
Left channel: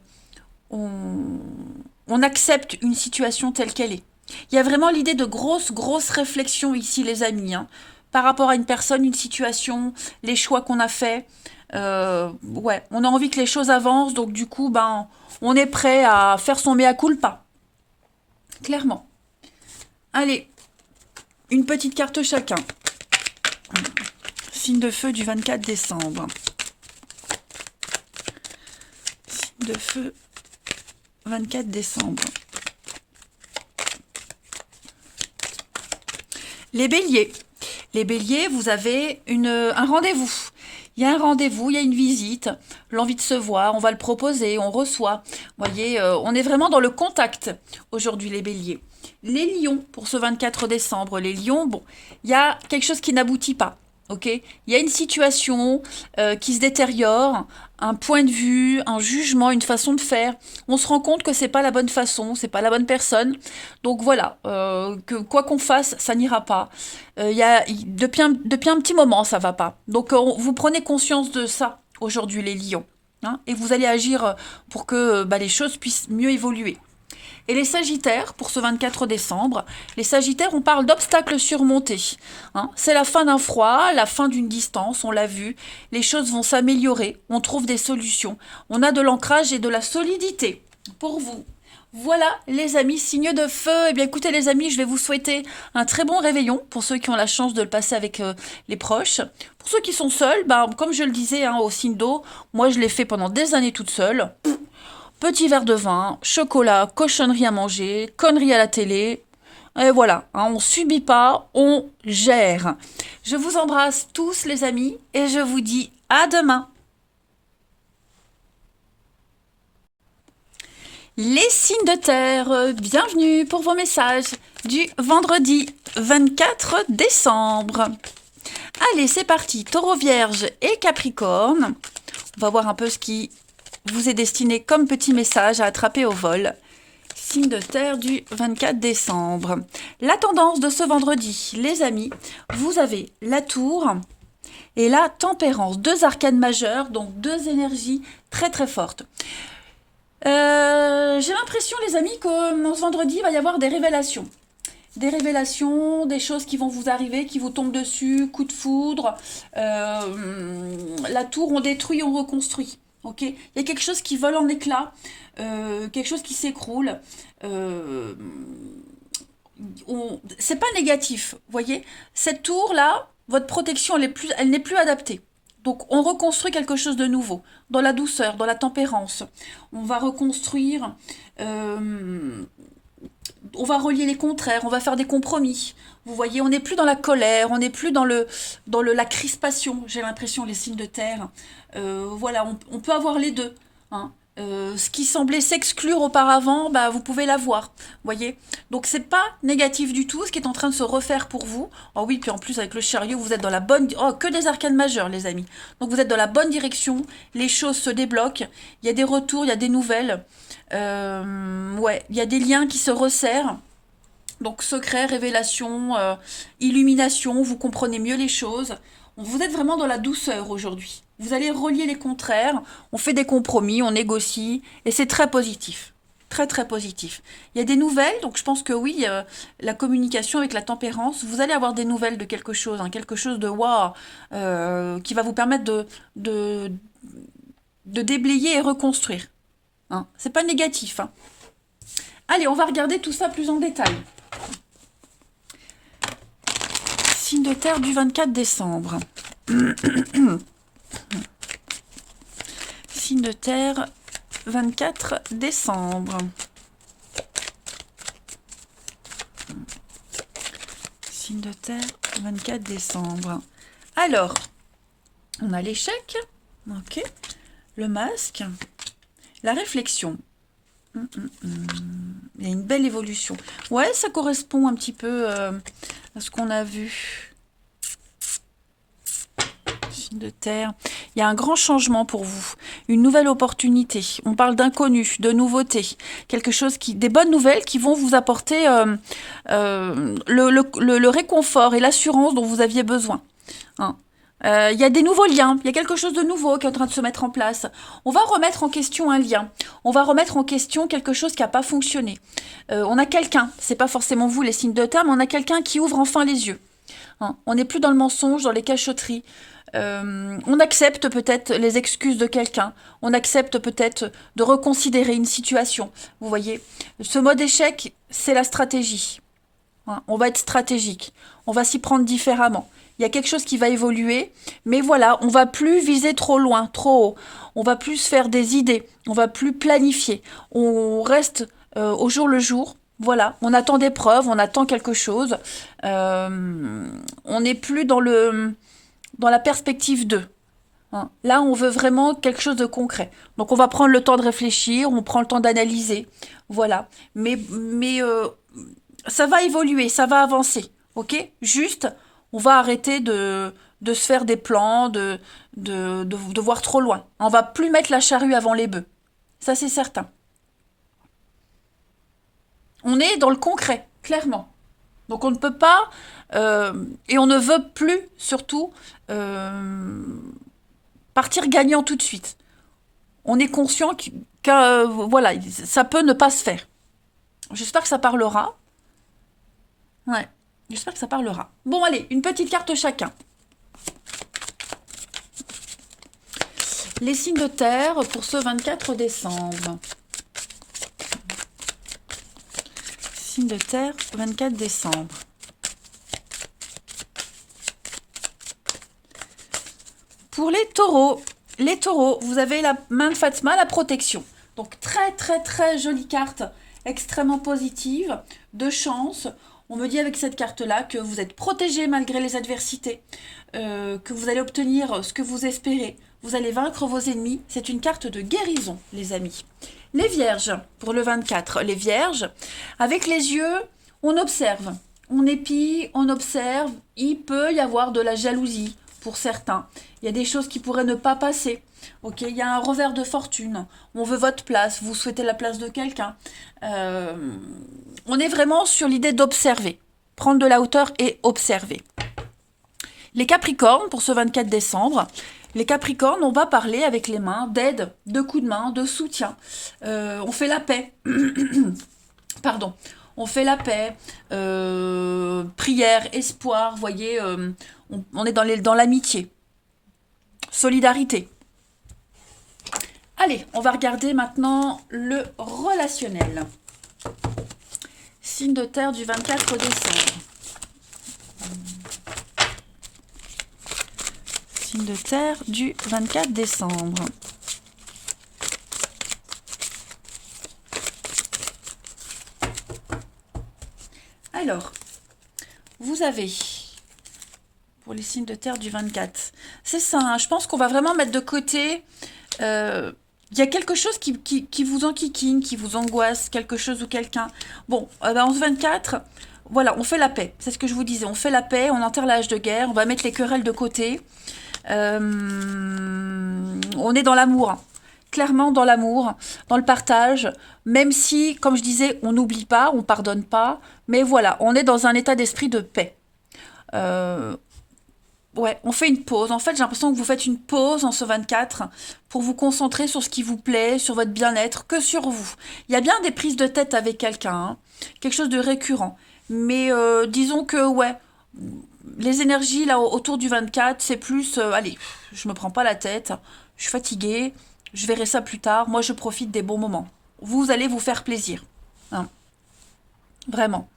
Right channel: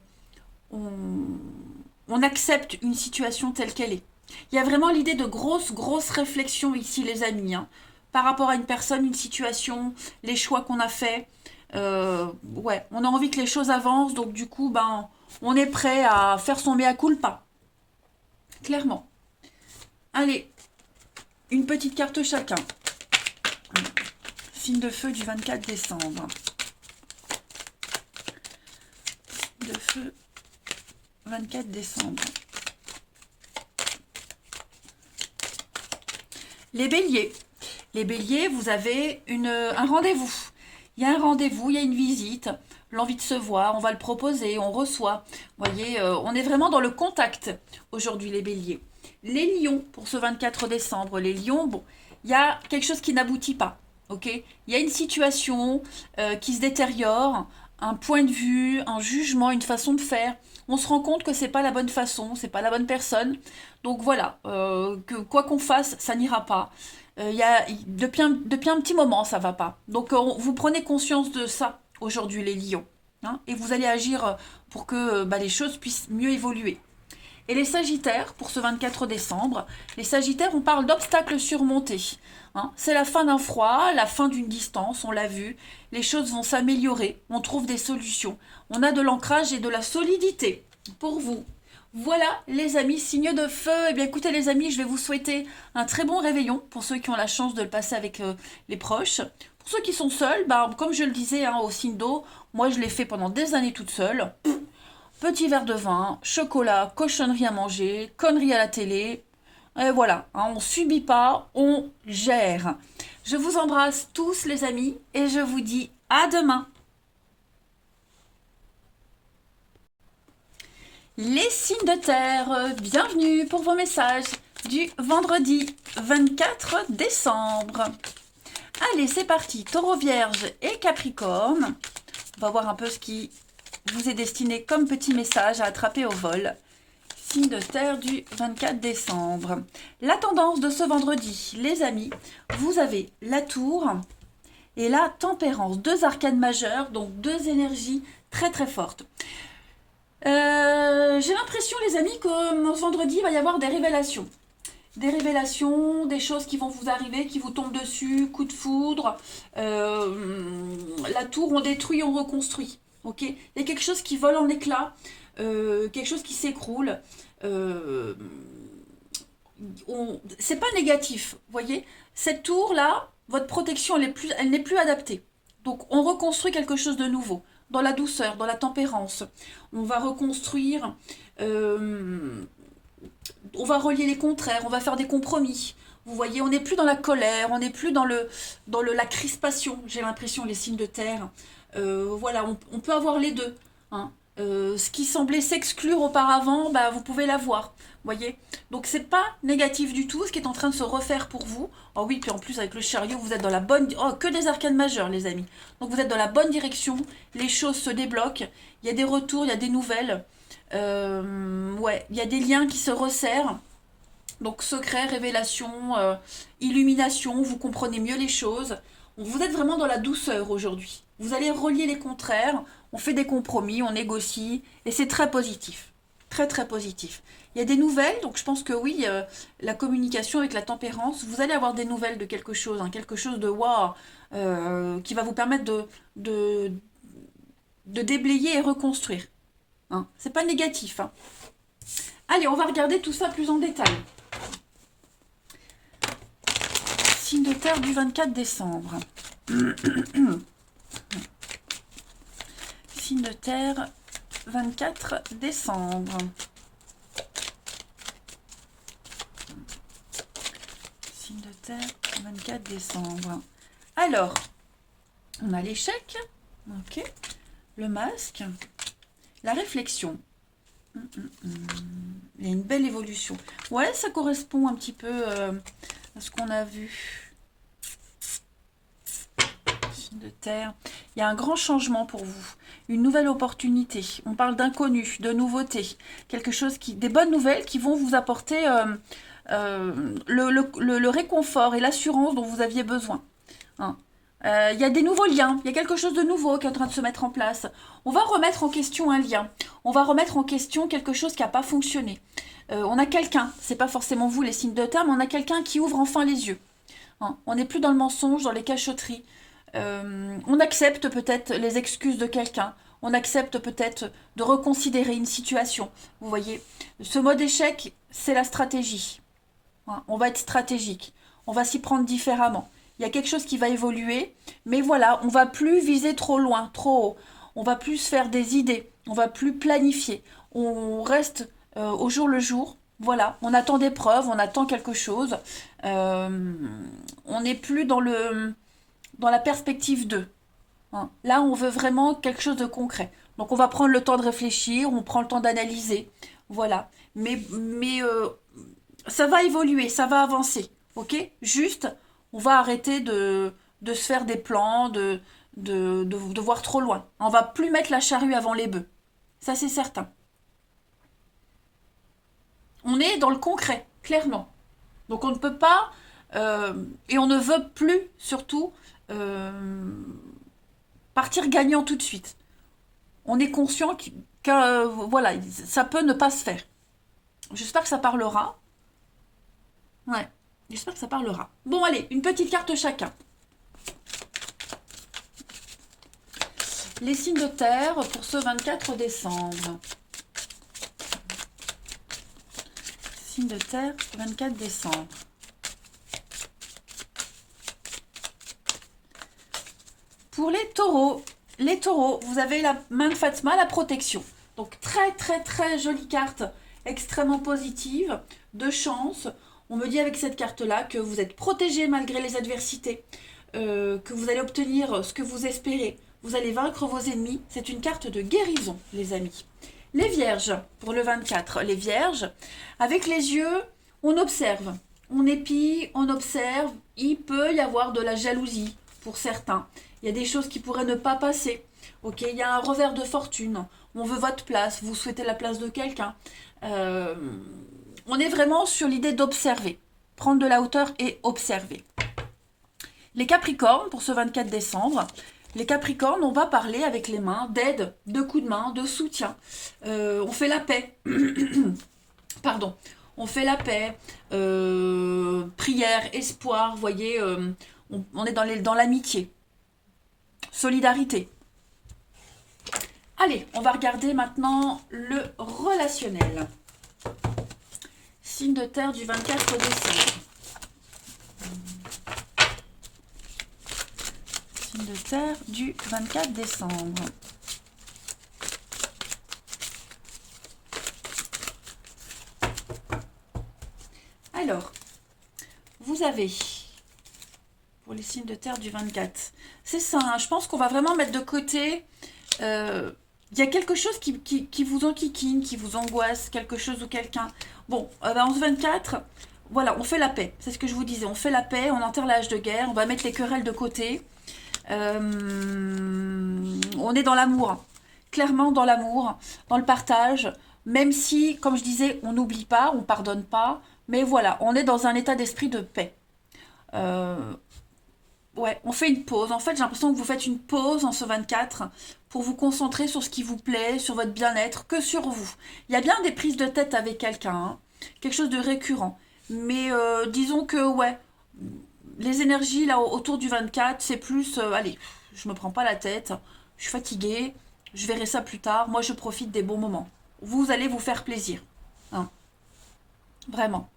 on accepte une situation telle qu'elle est. Il y a vraiment l'idée de grosse réflexion ici, les amis, hein, par rapport à une personne, une situation, les choix qu'on a faits. Ouais, on a envie que les choses avancent, donc du coup, ben, on est prêt à faire son mea culpa. Clairement. Allez, une petite carte chacun. Signe de feu du 24 décembre. Signe de feu 24 décembre. Les béliers. Les béliers, vous avez un rendez-vous. Il y a un rendez-vous, il y a une visite, l'envie de se voir, on va le proposer, on reçoit. Vous voyez, on est vraiment dans le contact aujourd'hui, les béliers. Les lions, pour ce 24 décembre, les lions, bon, il y a quelque chose qui n'aboutit pas. Ok, il y a une situation qui se détériore, un point de vue, un jugement, une façon de faire. On se rend compte que c'est pas la bonne façon, c'est pas la bonne personne. Donc voilà, que quoi qu'on fasse, ça n'ira pas. Depuis un petit moment, ça va pas. Donc vous prenez conscience de ça aujourd'hui, les lions, hein, et vous allez agir pour que les choses puissent mieux évoluer. Et les Sagittaires, pour ce 24 décembre, les Sagittaires, on parle d'obstacles surmontés. Hein. C'est la fin d'un froid, la fin d'une distance, on l'a vu. Les choses vont s'améliorer, on trouve des solutions. On a de l'ancrage et de la solidité pour vous. Voilà les amis, signe de feu. Eh bien écoutez les amis, je vais vous souhaiter un très bon réveillon pour ceux qui ont la chance de le passer avec les proches. Pour ceux qui sont seuls, comme je le disais hein, au signe d'eau, moi je l'ai fait pendant des années toute seule. Petit verre de vin, chocolat, cochonnerie à manger, conneries à la télé. Et voilà, hein, on subit pas, on gère. Je vous embrasse tous les amis et je vous dis à demain. Les signes de terre, bienvenue pour vos messages du vendredi 24 décembre. Allez, c'est parti, Taureau, Vierge et Capricorne. On va voir un peu ce qui vous est destiné comme petit message à attraper au vol. Signe de terre du 24 décembre. La tendance de ce vendredi, les amis, vous avez la tour et la tempérance. Deux arcanes majeures, donc deux énergies très très fortes. J'ai l'impression, les amis, que ce vendredi, il va y avoir des révélations. Des révélations, des choses qui vont vous arriver, qui vous tombent dessus, coup de foudre. La tour, on détruit, on reconstruit. Ok, il y a quelque chose qui vole en éclats, quelque chose qui s'écroule. C'est pas négatif, vous voyez. Cette tour-là, votre protection, elle n'est plus adaptée. Donc, on reconstruit quelque chose de nouveau, dans la douceur, dans la tempérance. On va reconstruire, on va relier les contraires, on va faire des compromis. Vous voyez, on n'est plus dans la colère, on n'est plus dans la crispation, j'ai l'impression, les signes de terre. Voilà, on peut avoir les deux. Hein. Ce qui semblait s'exclure auparavant, bah, vous pouvez l'avoir. Voyez. Donc c'est pas négatif du tout, ce qui est en train de se refaire pour vous. Oh oui, puis en plus avec le chariot, vous êtes dans la bonne... Oh, que des arcanes majeures, les amis. Donc vous êtes dans la bonne direction, les choses se débloquent, il y a des retours, il y a des nouvelles. Ouais, il y a des liens qui se resserrent. Donc secret, révélation, illumination, vous comprenez mieux les choses. Vous êtes vraiment dans la douceur aujourd'hui. Vous allez relier les contraires, on fait des compromis, on négocie, et c'est très positif. Très très positif. Il y a des nouvelles, donc je pense que oui, la communication avec la tempérance, vous allez avoir des nouvelles de quelque chose, hein, quelque chose de waouh, qui va vous permettre de déblayer et reconstruire. Hein. C'est pas négatif. Hein. Allez, on va regarder tout ça plus en détail. Signe de terre du 24 décembre. Signe de terre, 24 décembre. Signe de terre, 24 décembre. Alors, on a l'échec, ok, le masque, la réflexion. Il y a une belle évolution. Ouais, ça correspond un petit peu à ce qu'on a vu. De terre. Il y a un grand changement pour vous, une nouvelle opportunité. On parle d'inconnu, de nouveauté, quelque chose des bonnes nouvelles qui vont vous apporter le réconfort et l'assurance dont vous aviez besoin. Hein. Il y a des nouveaux liens, il y a quelque chose de nouveau qui est en train de se mettre en place. On va remettre en question un lien, on va remettre en question quelque chose qui n'a pas fonctionné. On a quelqu'un, c'est pas forcément vous les signes de terre, mais on a quelqu'un qui ouvre enfin les yeux. Hein. On n'est plus dans le mensonge, dans les cachotteries. On accepte peut-être les excuses de quelqu'un, on accepte peut-être de reconsidérer une situation. Vous voyez, ce mode échec, c'est la stratégie. Hein, on va être stratégique, on va s'y prendre différemment. Il y a quelque chose qui va évoluer, mais voilà, on va plus viser trop loin, trop haut. On va plus faire des idées, on va plus planifier. On reste au jour le jour. Voilà, on attend des preuves, on attend quelque chose. On n'est plus dans la perspective d'eux. Hein. Là, on veut vraiment quelque chose de concret. Donc, on va prendre le temps de réfléchir, on prend le temps d'analyser. Voilà. Mais ça va évoluer, ça va avancer. Ok? Juste, on va arrêter de se faire des plans, de voir trop loin. On va plus mettre la charrue avant les bœufs. Ça, c'est certain. On est dans le concret, clairement. Donc, on ne peut pas... et on ne veut plus, surtout, partir gagnant tout de suite. On est conscient que voilà, ça peut ne pas se faire. J'espère que ça parlera. Ouais, j'espère que ça parlera. Bon, allez, une petite carte chacun. Les signes de terre pour ce 24 décembre. Signe de terre, 24 décembre. Pour les taureaux, vous avez la main de Fatma, la protection. Donc très très très jolie carte, extrêmement positive, de chance. On me dit avec cette carte-là que vous êtes protégé malgré les adversités, que vous allez obtenir ce que vous espérez. Vous allez vaincre vos ennemis. C'est une carte de guérison, les amis. Les vierges, pour le 24, les vierges, avec les yeux, on observe, on épie, on observe, il peut y avoir de la jalousie pour certains. Il y a des choses qui pourraient ne pas passer. Ok, il y a un revers de fortune. On veut votre place, vous souhaitez la place de quelqu'un. Euh, on est vraiment sur l'idée d'observer, prendre de la hauteur et observer. Les Capricornes, pour ce 24 décembre, les Capricornes, on va parler avec les mains d'aide, de coups de main, de soutien. On fait la paix. Pardon. On fait la paix. Prière, espoir, vous voyez, on est dans l'amitié. Solidarité. Allez, on va regarder maintenant le relationnel. Signe de terre du 24 au décembre. Signe de terre du 24 décembre. Alors, vous avez, pour les signes de terre du 24, c'est ça, hein, je pense qu'on va vraiment mettre de côté, il y a quelque chose qui vous enquiquine, qui vous angoisse, quelque chose ou quelqu'un. Bon, en ce 24, voilà, on fait la paix, c'est ce que je vous disais, on fait la paix, on enterre l'âge de guerre, on va mettre les querelles de côté, on est dans l'amour, hein. Clairement dans l'amour, dans le partage, même si, comme je disais, on n'oublie pas, on pardonne pas, mais voilà, on est dans un état d'esprit de paix. Euh, ouais, on fait une pause. En fait, j'ai l'impression que vous faites une pause en ce 24 pour vous concentrer sur ce qui vous plaît, sur votre bien-être, que sur vous. Il y a bien des prises de tête avec quelqu'un, hein, quelque chose de récurrent. Mais disons que, ouais, les énergies là autour du 24, c'est plus, allez, je me prends pas la tête, je suis fatiguée, je verrai ça plus tard, moi je profite des bons moments. Vous allez vous faire plaisir, hein, vraiment.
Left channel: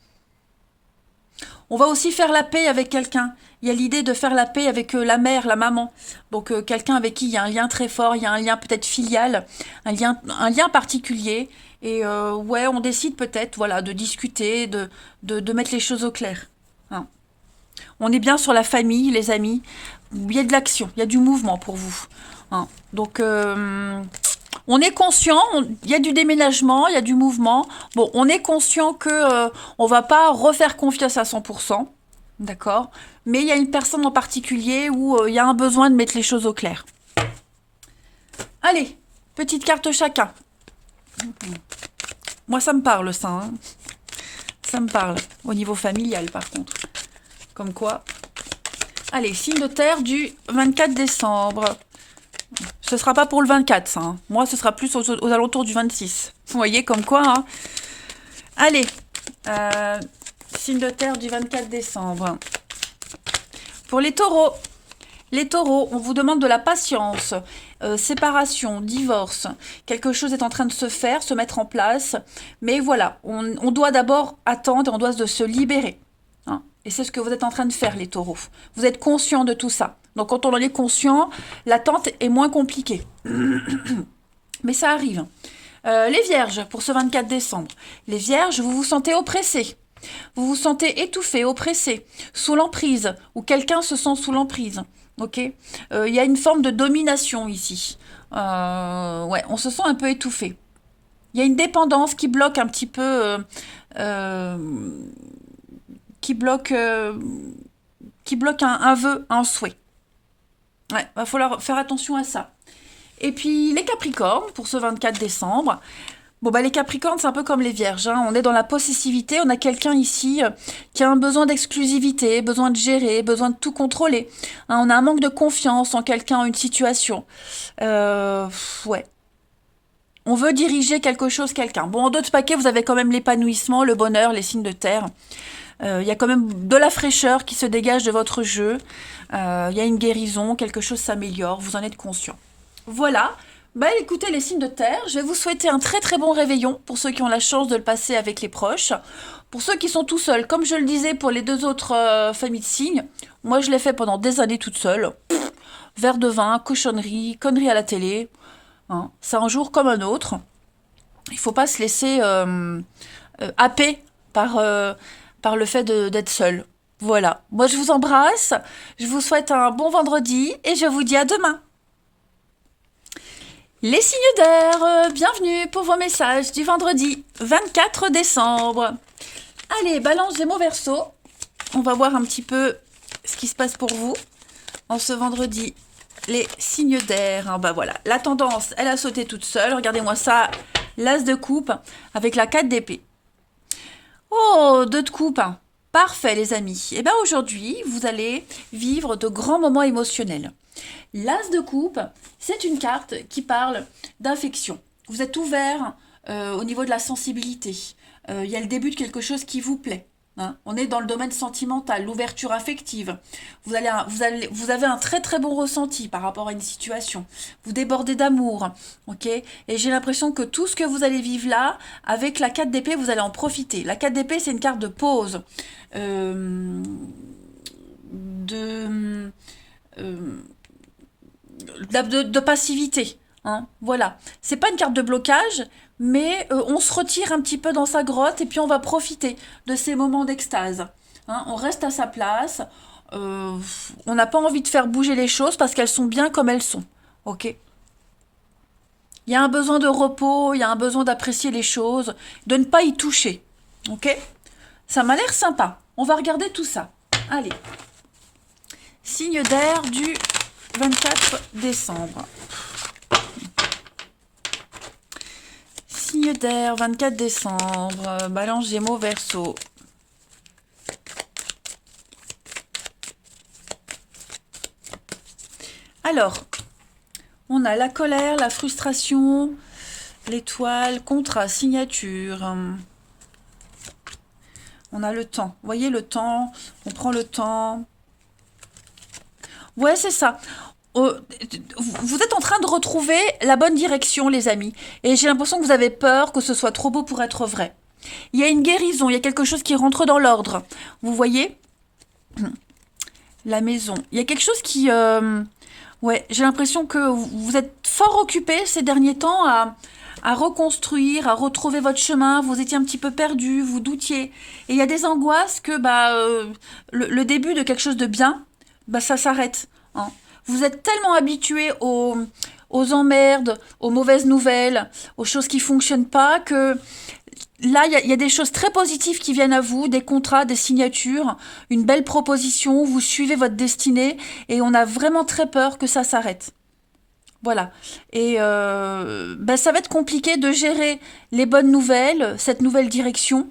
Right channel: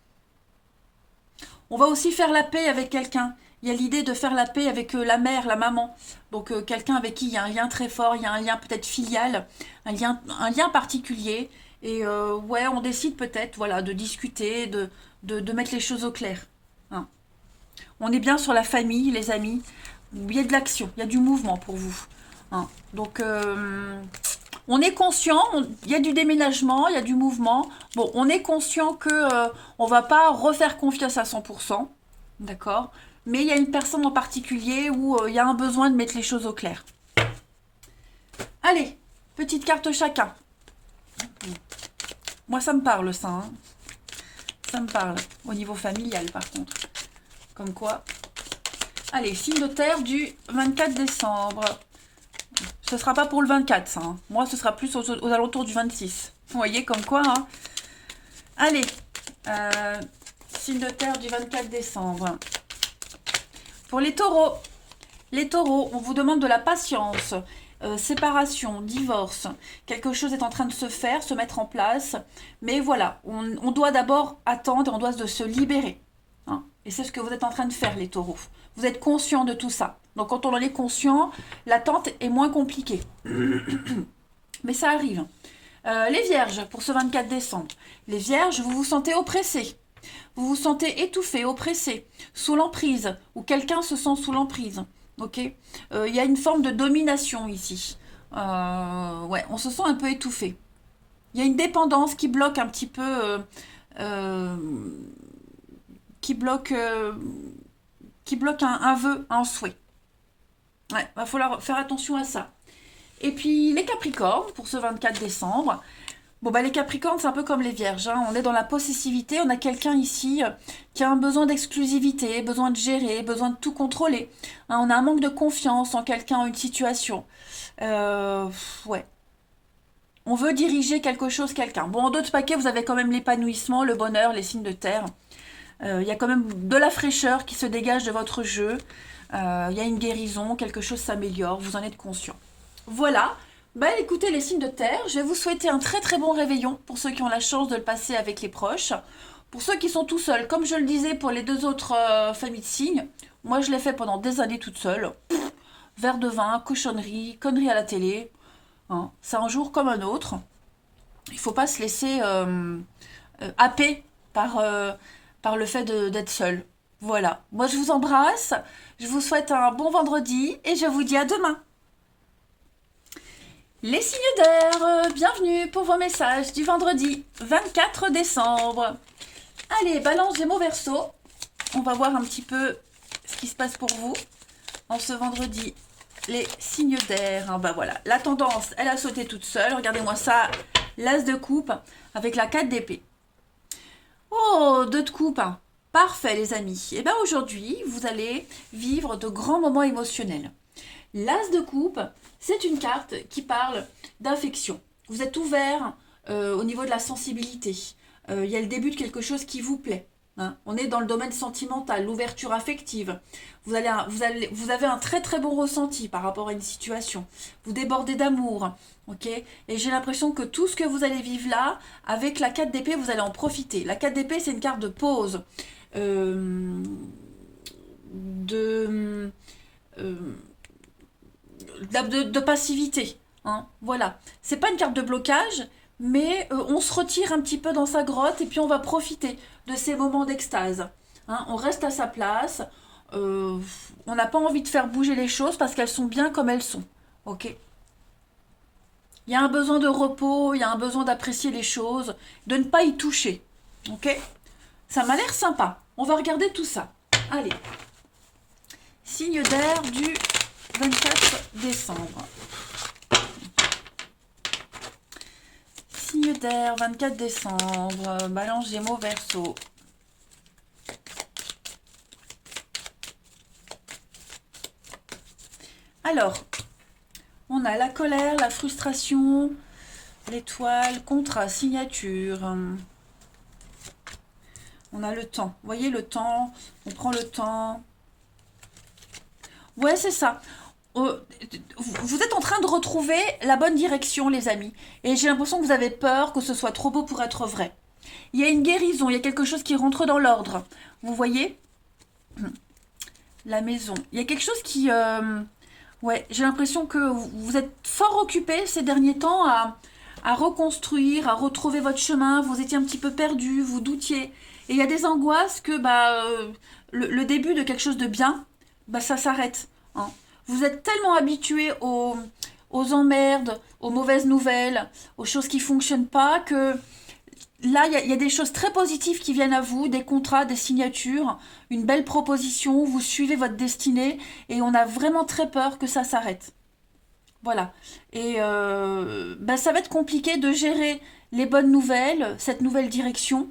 On va aussi faire la paix avec quelqu'un. Il y a l'idée de faire la paix avec la mère, la maman. Donc quelqu'un avec qui il y a un lien très fort, il y a un lien peut-être filial, un lien particulier. Et ouais, on décide peut-être voilà, de discuter, de mettre les choses au clair, hein. On est bien sur la famille, les amis. Il y a de l'action, il y a du mouvement pour vous, hein. Donc, on est conscient, il y a du déménagement, il y a du mouvement. Bon, on est conscient que on va pas refaire confiance à 100%, d'accord? Mais il y a une personne en particulier où il y a un besoin de mettre les choses au clair. Allez, petite carte chacun. Moi, ça me parle, ça, hein. Ça me parle. Au niveau familial, par contre. Comme quoi. Allez, signe de terre du 24 décembre. Ce sera pas pour le 24, ça, hein. Moi, ce sera plus aux alentours du 26. Vous voyez, comme quoi, hein. Allez, signe de terre du 24 décembre. Pour les taureaux, on vous demande de la patience, séparation, divorce. Quelque chose est en train de se faire, se mettre en place. Mais voilà, on doit d'abord attendre, on doit se libérer, hein. Et c'est ce que vous êtes en train de faire, les taureaux. Vous êtes conscients de tout ça. Donc quand on en est conscient, l'attente est moins compliquée. Mais ça arrive. Les vierges, pour ce 24 décembre. Les vierges, vous vous sentez oppressés. Vous vous sentez étouffé, oppressé, sous l'emprise, ou quelqu'un se sent sous l'emprise. Ok, y a une forme de domination ici. Ouais, on se sent un peu étouffé. Il y a une dépendance qui bloque un petit peu... euh, qui bloque, un vœu, un souhait. Ouais, va falloir faire attention à ça. Et puis les Capricornes, pour ce 24 décembre. Bon, bah les Capricornes, c'est un peu comme les Vierges, hein. On est dans la possessivité. On a quelqu'un ici qui a un besoin d'exclusivité, besoin de gérer, besoin de tout contrôler, hein. On a un manque de confiance en quelqu'un, en une situation. Ouais. On veut diriger quelque chose, quelqu'un. Bon, en d'autres paquets, vous avez quand même l'épanouissement, le bonheur, les signes de terre. Il y a quand même de la fraîcheur qui se dégage de votre jeu. Il y a une guérison, quelque chose s'améliore, vous en êtes conscient. Voilà. Bah écoutez les signes de terre, je vais vous souhaiter un très très bon réveillon pour ceux qui ont la chance de le passer avec les proches. Pour ceux qui sont tout seuls, comme je le disais pour les deux autres familles de signes, moi je l'ai fait pendant des années toute seule. Verre de vin, cochonnerie, conneries à la télé, hein. C'est un jour comme un autre. Il ne faut pas se laisser happer par le fait d'être seul. Voilà. Moi, je vous embrasse. Je vous souhaite un bon vendredi et je vous dis à demain. Les signes d'air, bienvenue pour vos messages du vendredi 24 décembre. Allez, Balance, Gémeaux, Verseau. On va voir un petit peu ce qui se passe pour vous en ce vendredi. Les signes d'air. Hein, bah voilà, la tendance, elle a sauté toute seule. Regardez-moi ça, l'as de coupe avec la 4 d'épée. Oh, 2 de coupe. Hein. Parfait, les amis. Et bien aujourd'hui, vous allez vivre de grands moments émotionnels. L'as de coupe, c'est une carte qui parle d'affection. Vous êtes ouvert au niveau de la sensibilité. Il y a le début de quelque chose qui vous plaît. Hein. On est dans le domaine sentimental, l'ouverture affective. Vous avez un très très bon ressenti par rapport à une situation. Vous débordez d'amour. Ok. Et j'ai l'impression que tout ce que vous allez vivre là, avec la 4 d'épée, vous allez en profiter. La 4 d'épée, c'est une carte de pause. De... de passivité. Hein, voilà. C'est pas une carte de blocage, mais on se retire un petit peu dans sa grotte et puis on va profiter de ces moments d'extase. Hein, on reste à sa place. On n'a pas envie de faire bouger les choses parce qu'elles sont bien comme elles sont. Ok. Il y a un besoin de repos, il y a un besoin d'apprécier les choses, de ne pas y toucher. Ok. Ça m'a l'air sympa. On va regarder tout ça. Allez. Signe d'air du 24 décembre. Signe d'air, 24 décembre. Balance, Gémeaux, Verseau. Alors, on a la colère, la frustration, l'étoile, contrat, signature. On a le temps. Vous voyez le temps, on prend le temps. Ouais, c'est ça. Vous êtes en train de retrouver la bonne direction, les amis. Et j'ai l'impression que vous avez peur que ce soit trop beau pour être vrai. Il y a une guérison, il y a quelque chose qui rentre dans l'ordre. Vous voyez? La maison. Il y a quelque chose qui... ouais, j'ai l'impression que vous êtes fort occupé ces derniers temps à reconstruire, à retrouver votre chemin. Vous étiez un petit peu perdu, vous doutiez. Et il y a des angoisses que le début de quelque chose de bien, ça s'arrête. Hein. Vous êtes tellement habitué aux emmerdes, aux mauvaises nouvelles, aux choses qui ne fonctionnent pas, que là, il y a des choses très positives qui viennent à vous, des contrats, des signatures, une belle proposition, vous suivez votre destinée, et on a vraiment très peur que ça s'arrête. Voilà. Et ça va être compliqué de gérer les bonnes nouvelles, cette nouvelle direction,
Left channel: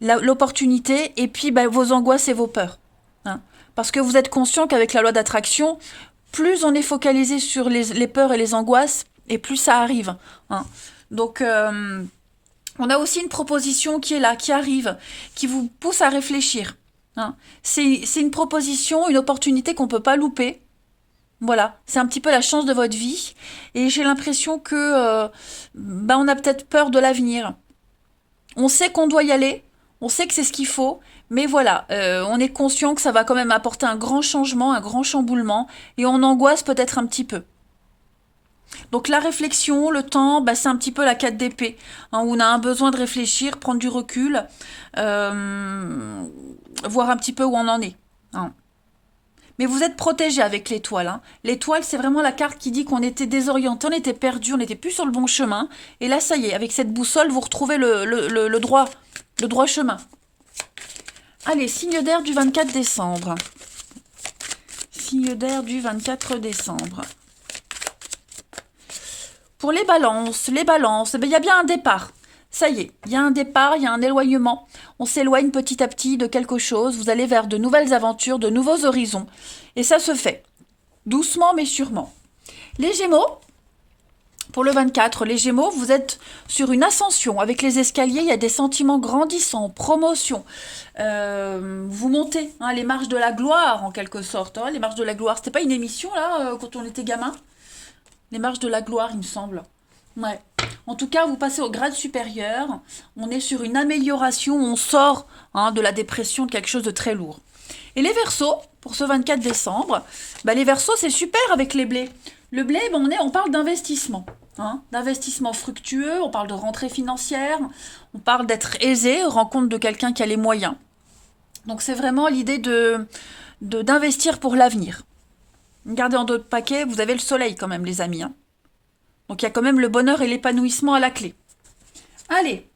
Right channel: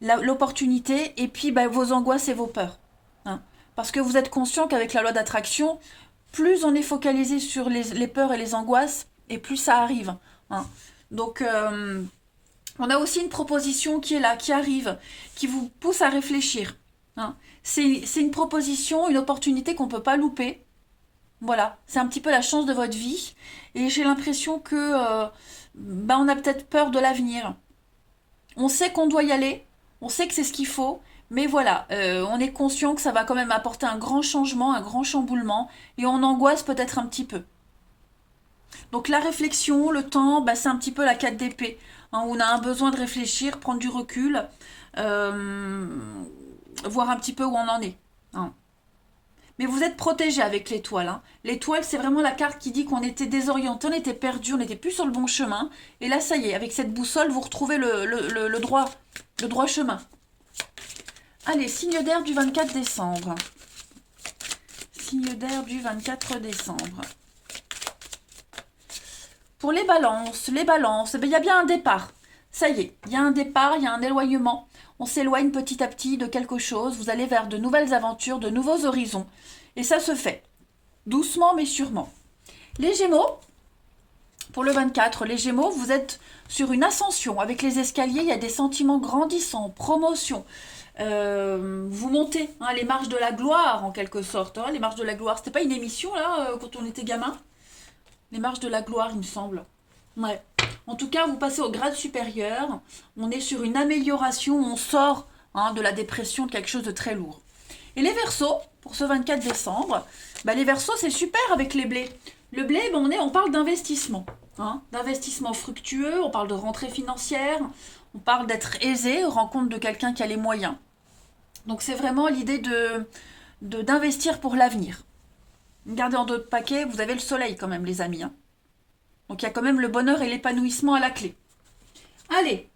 l'opportunité, et puis vos angoisses et vos peurs. Hein. Parce que vous êtes conscient qu'avec la loi d'attraction, plus on est focalisé sur les peurs et les angoisses, et plus ça arrive. Hein. Donc, on a aussi une proposition qui est là, qui arrive, qui vous pousse à réfléchir. Hein. C'est une proposition, une opportunité qu'on ne peut pas louper. Voilà, c'est un petit peu la chance de votre vie. Et j'ai l'impression que on a peut-être peur de l'avenir. On sait qu'on doit y aller, on sait que c'est ce qu'il faut, mais voilà, on est conscient que ça va quand même apporter un grand changement, un grand chamboulement, et on angoisse peut-être un petit peu. Donc la réflexion, le temps, c'est un petit peu la 4 d'épée, hein, où on a un besoin de réfléchir, prendre du recul, voir un petit peu où on en est. Hein. Mais vous êtes protégé avec l'étoile. Hein. L'étoile, c'est vraiment la carte qui dit qu'on était désorienté, on était perdu, on n'était plus sur le bon chemin. Et là, ça y est, avec cette boussole, vous retrouvez le droit chemin. Allez, signe d'air du 24 décembre. Signe d'air du 24 décembre. Pour les balances, il y a bien un départ. Ça y est, il y a un départ, il y a un éloignement. On s'éloigne petit à petit de quelque chose. Vous allez vers de nouvelles aventures, de nouveaux horizons. Et ça se fait. Doucement mais sûrement. Les Gémeaux, pour le 24, les Gémeaux, vous êtes sur une ascension. Avec les escaliers, il y a des sentiments grandissants, promotion. Vous montez les marches de la gloire, en quelque sorte. Hein. Les marches de la gloire, c'était pas une émission, là, quand on était gamin? Les marches de la gloire, il me semble. Ouais. En tout cas, vous passez au grade supérieur. On est sur une amélioration. On sort de la dépression, de quelque chose de très lourd. Et les Verseaux, pour ce 24 décembre, les Verseaux, c'est super avec les blés. Le blé, on parle d'investissement. Hein, d'investissement fructueux, on parle de rentrée financière, on parle d'être aisé, rencontre de quelqu'un qui a les moyens. Donc c'est vraiment l'idée d'investir pour l'avenir. Gardez en d'autres paquets, vous avez le soleil quand même, les amis. Hein. Donc il y a quand même le bonheur et l'épanouissement à la clé. Allez,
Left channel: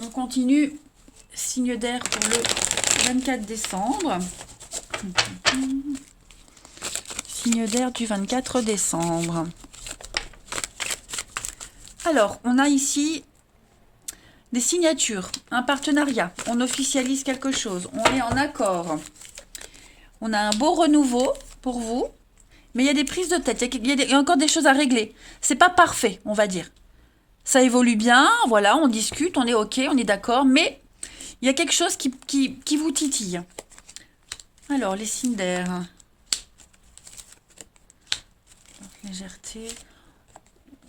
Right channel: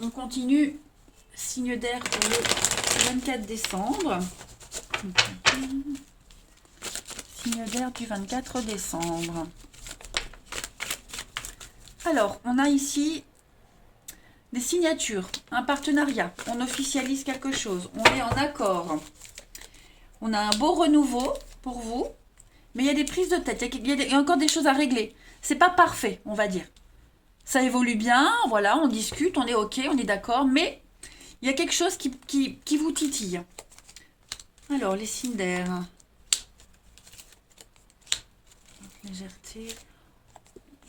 on continue. Signe d'air pour le 24 décembre. Signe d'air du 24 décembre. Alors, on a ici des signatures, un partenariat. On officialise quelque chose. On est en accord. On a un beau renouveau pour vous. Mais il y a des prises de tête. Il y a encore des choses à régler. C'est pas parfait, on va dire. Ça évolue bien. Voilà, on discute, on est OK, on est d'accord. Mais il y a quelque chose qui vous titille. Alors, les signes d'air. Légèreté.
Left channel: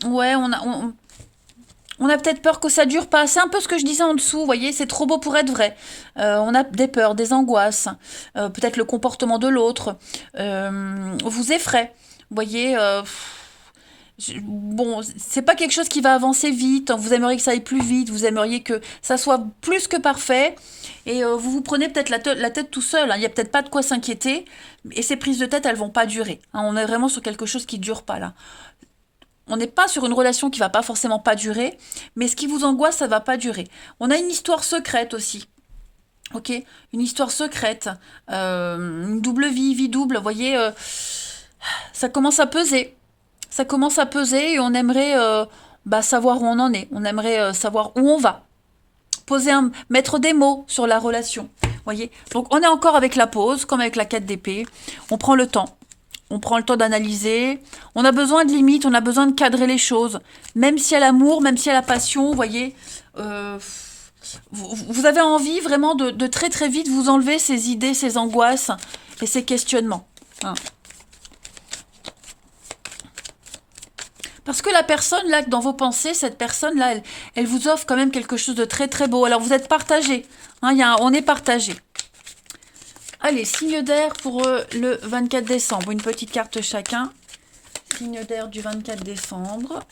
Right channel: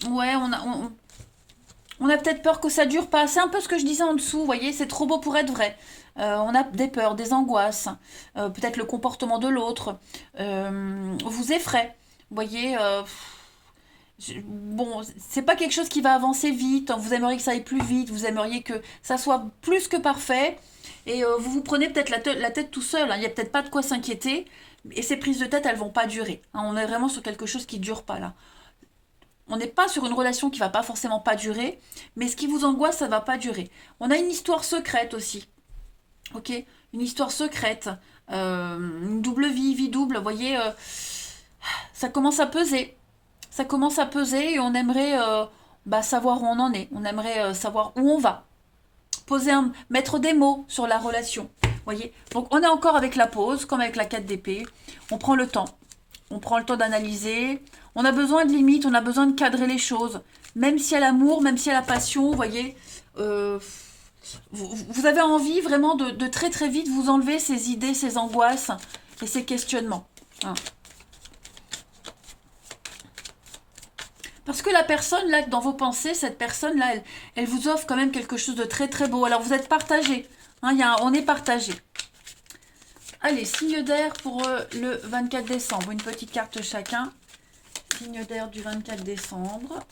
Ouais, on a peut-être peur que ça dure pas. C'est un peu ce que je disais en dessous, vous voyez, c'est trop beau pour être vrai. On a des peurs, des angoisses, peut-être le comportement de l'autre vous effraie. Vous voyez, bon, c'est pas quelque chose qui va avancer vite. Vous aimeriez que ça aille plus vite, vous aimeriez que ça soit plus que parfait. Et vous vous prenez peut-être la tête tout seul. Hein. Il n'y a peut-être pas de quoi s'inquiéter. Et ces prises de tête, elles vont pas durer. Hein. On est vraiment sur quelque chose qui dure pas là. On n'est pas sur une relation qui va pas forcément pas durer, mais ce qui vous angoisse, ça va pas durer. On a une histoire secrète aussi. Ok, une histoire secrète, une double vie double, vous voyez, ça commence à peser. Ça commence à peser et on aimerait savoir où on en est. On aimerait savoir où on va. Mettre des mots sur la relation. Voyez. Donc on est encore avec la pause, comme avec la 4 d'épée. On prend le temps. On prend le temps d'analyser. On a besoin de limites, on a besoin de cadrer les choses. Même s'il y a l'amour, même s'il y a la passion, vous voyez. Vous avez envie vraiment de très très vite vous enlever ces idées, ces angoisses et ces questionnements. Hein. Parce que la personne, là, dans vos pensées, cette personne-là, elle vous offre quand même quelque chose de très très beau. Alors vous êtes partagés. Hein, on est partagés. Allez, signe d'air pour le 24 décembre. Une petite carte chacun. Signe d'air du 24 décembre.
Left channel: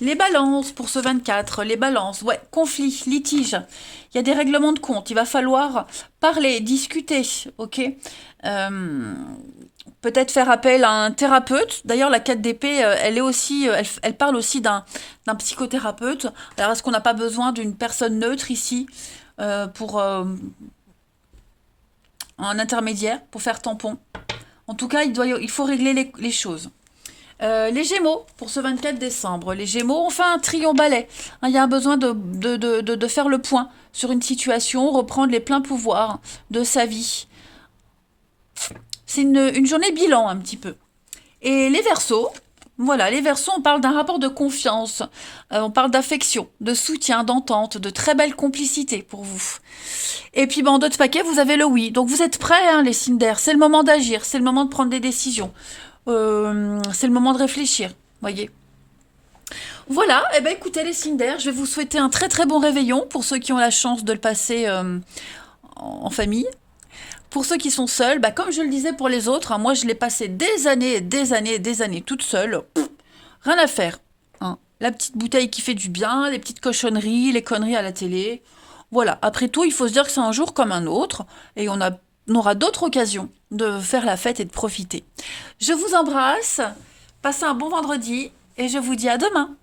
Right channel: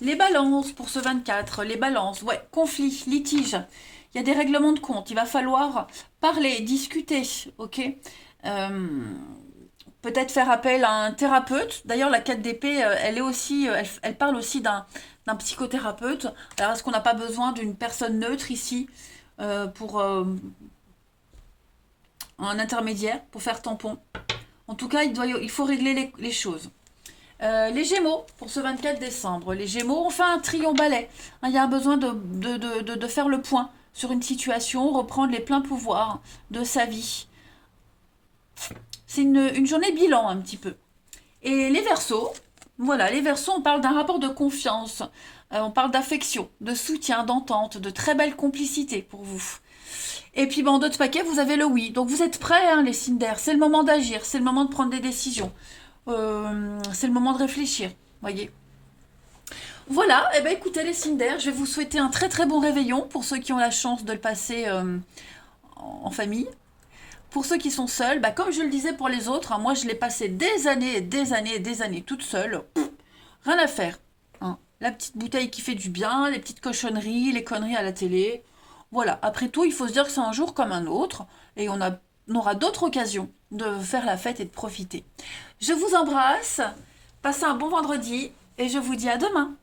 Les balances pour ce 24. Les balances. Ouais, conflit, litige. Il y a des règlements de compte. Il va falloir parler, discuter. Ok. Peut-être faire appel à un thérapeute. D'ailleurs, la 4 d'épée, elle est aussi, elle parle aussi d'un psychothérapeute. Alors, est-ce qu'on n'a pas besoin d'une personne neutre ici pour un intermédiaire, pour faire tampon? En tout cas, il faut régler les choses. Les Gémeaux, pour ce 24 décembre. Les Gémeaux, on fait un triomphe-balai. Hein, il y a un besoin de faire le point sur une situation, reprendre les pleins pouvoirs de sa vie. C'est une journée bilan un petit peu. Et les Verseaux, voilà, les Verseaux, on parle d'un rapport de confiance, on parle d'affection, de soutien, d'entente, de très belle complicité pour vous. Et puis, en d'autres paquets, vous avez le oui. Donc, vous êtes prêts, hein, les signes d'air. C'est le moment d'agir, c'est le moment de prendre des décisions. C'est le moment de réfléchir, voyez. Voilà, et ben écoutez les signes d'air, je vais vous souhaiter un très très bon réveillon pour ceux qui ont la chance de le passer en famille. Pour ceux qui sont seuls, comme je le disais pour les autres, hein, moi je l'ai passé des années, des années, des années toute seule. Rien à faire. Hein. La petite bouteille qui fait du bien, les petites cochonneries, les conneries à la télé. Voilà, après tout, il faut se dire que c'est un jour comme un autre et on aura d'autres occasions de faire la fête et de profiter. Je vous embrasse, passez un bon vendredi et je vous dis à demain.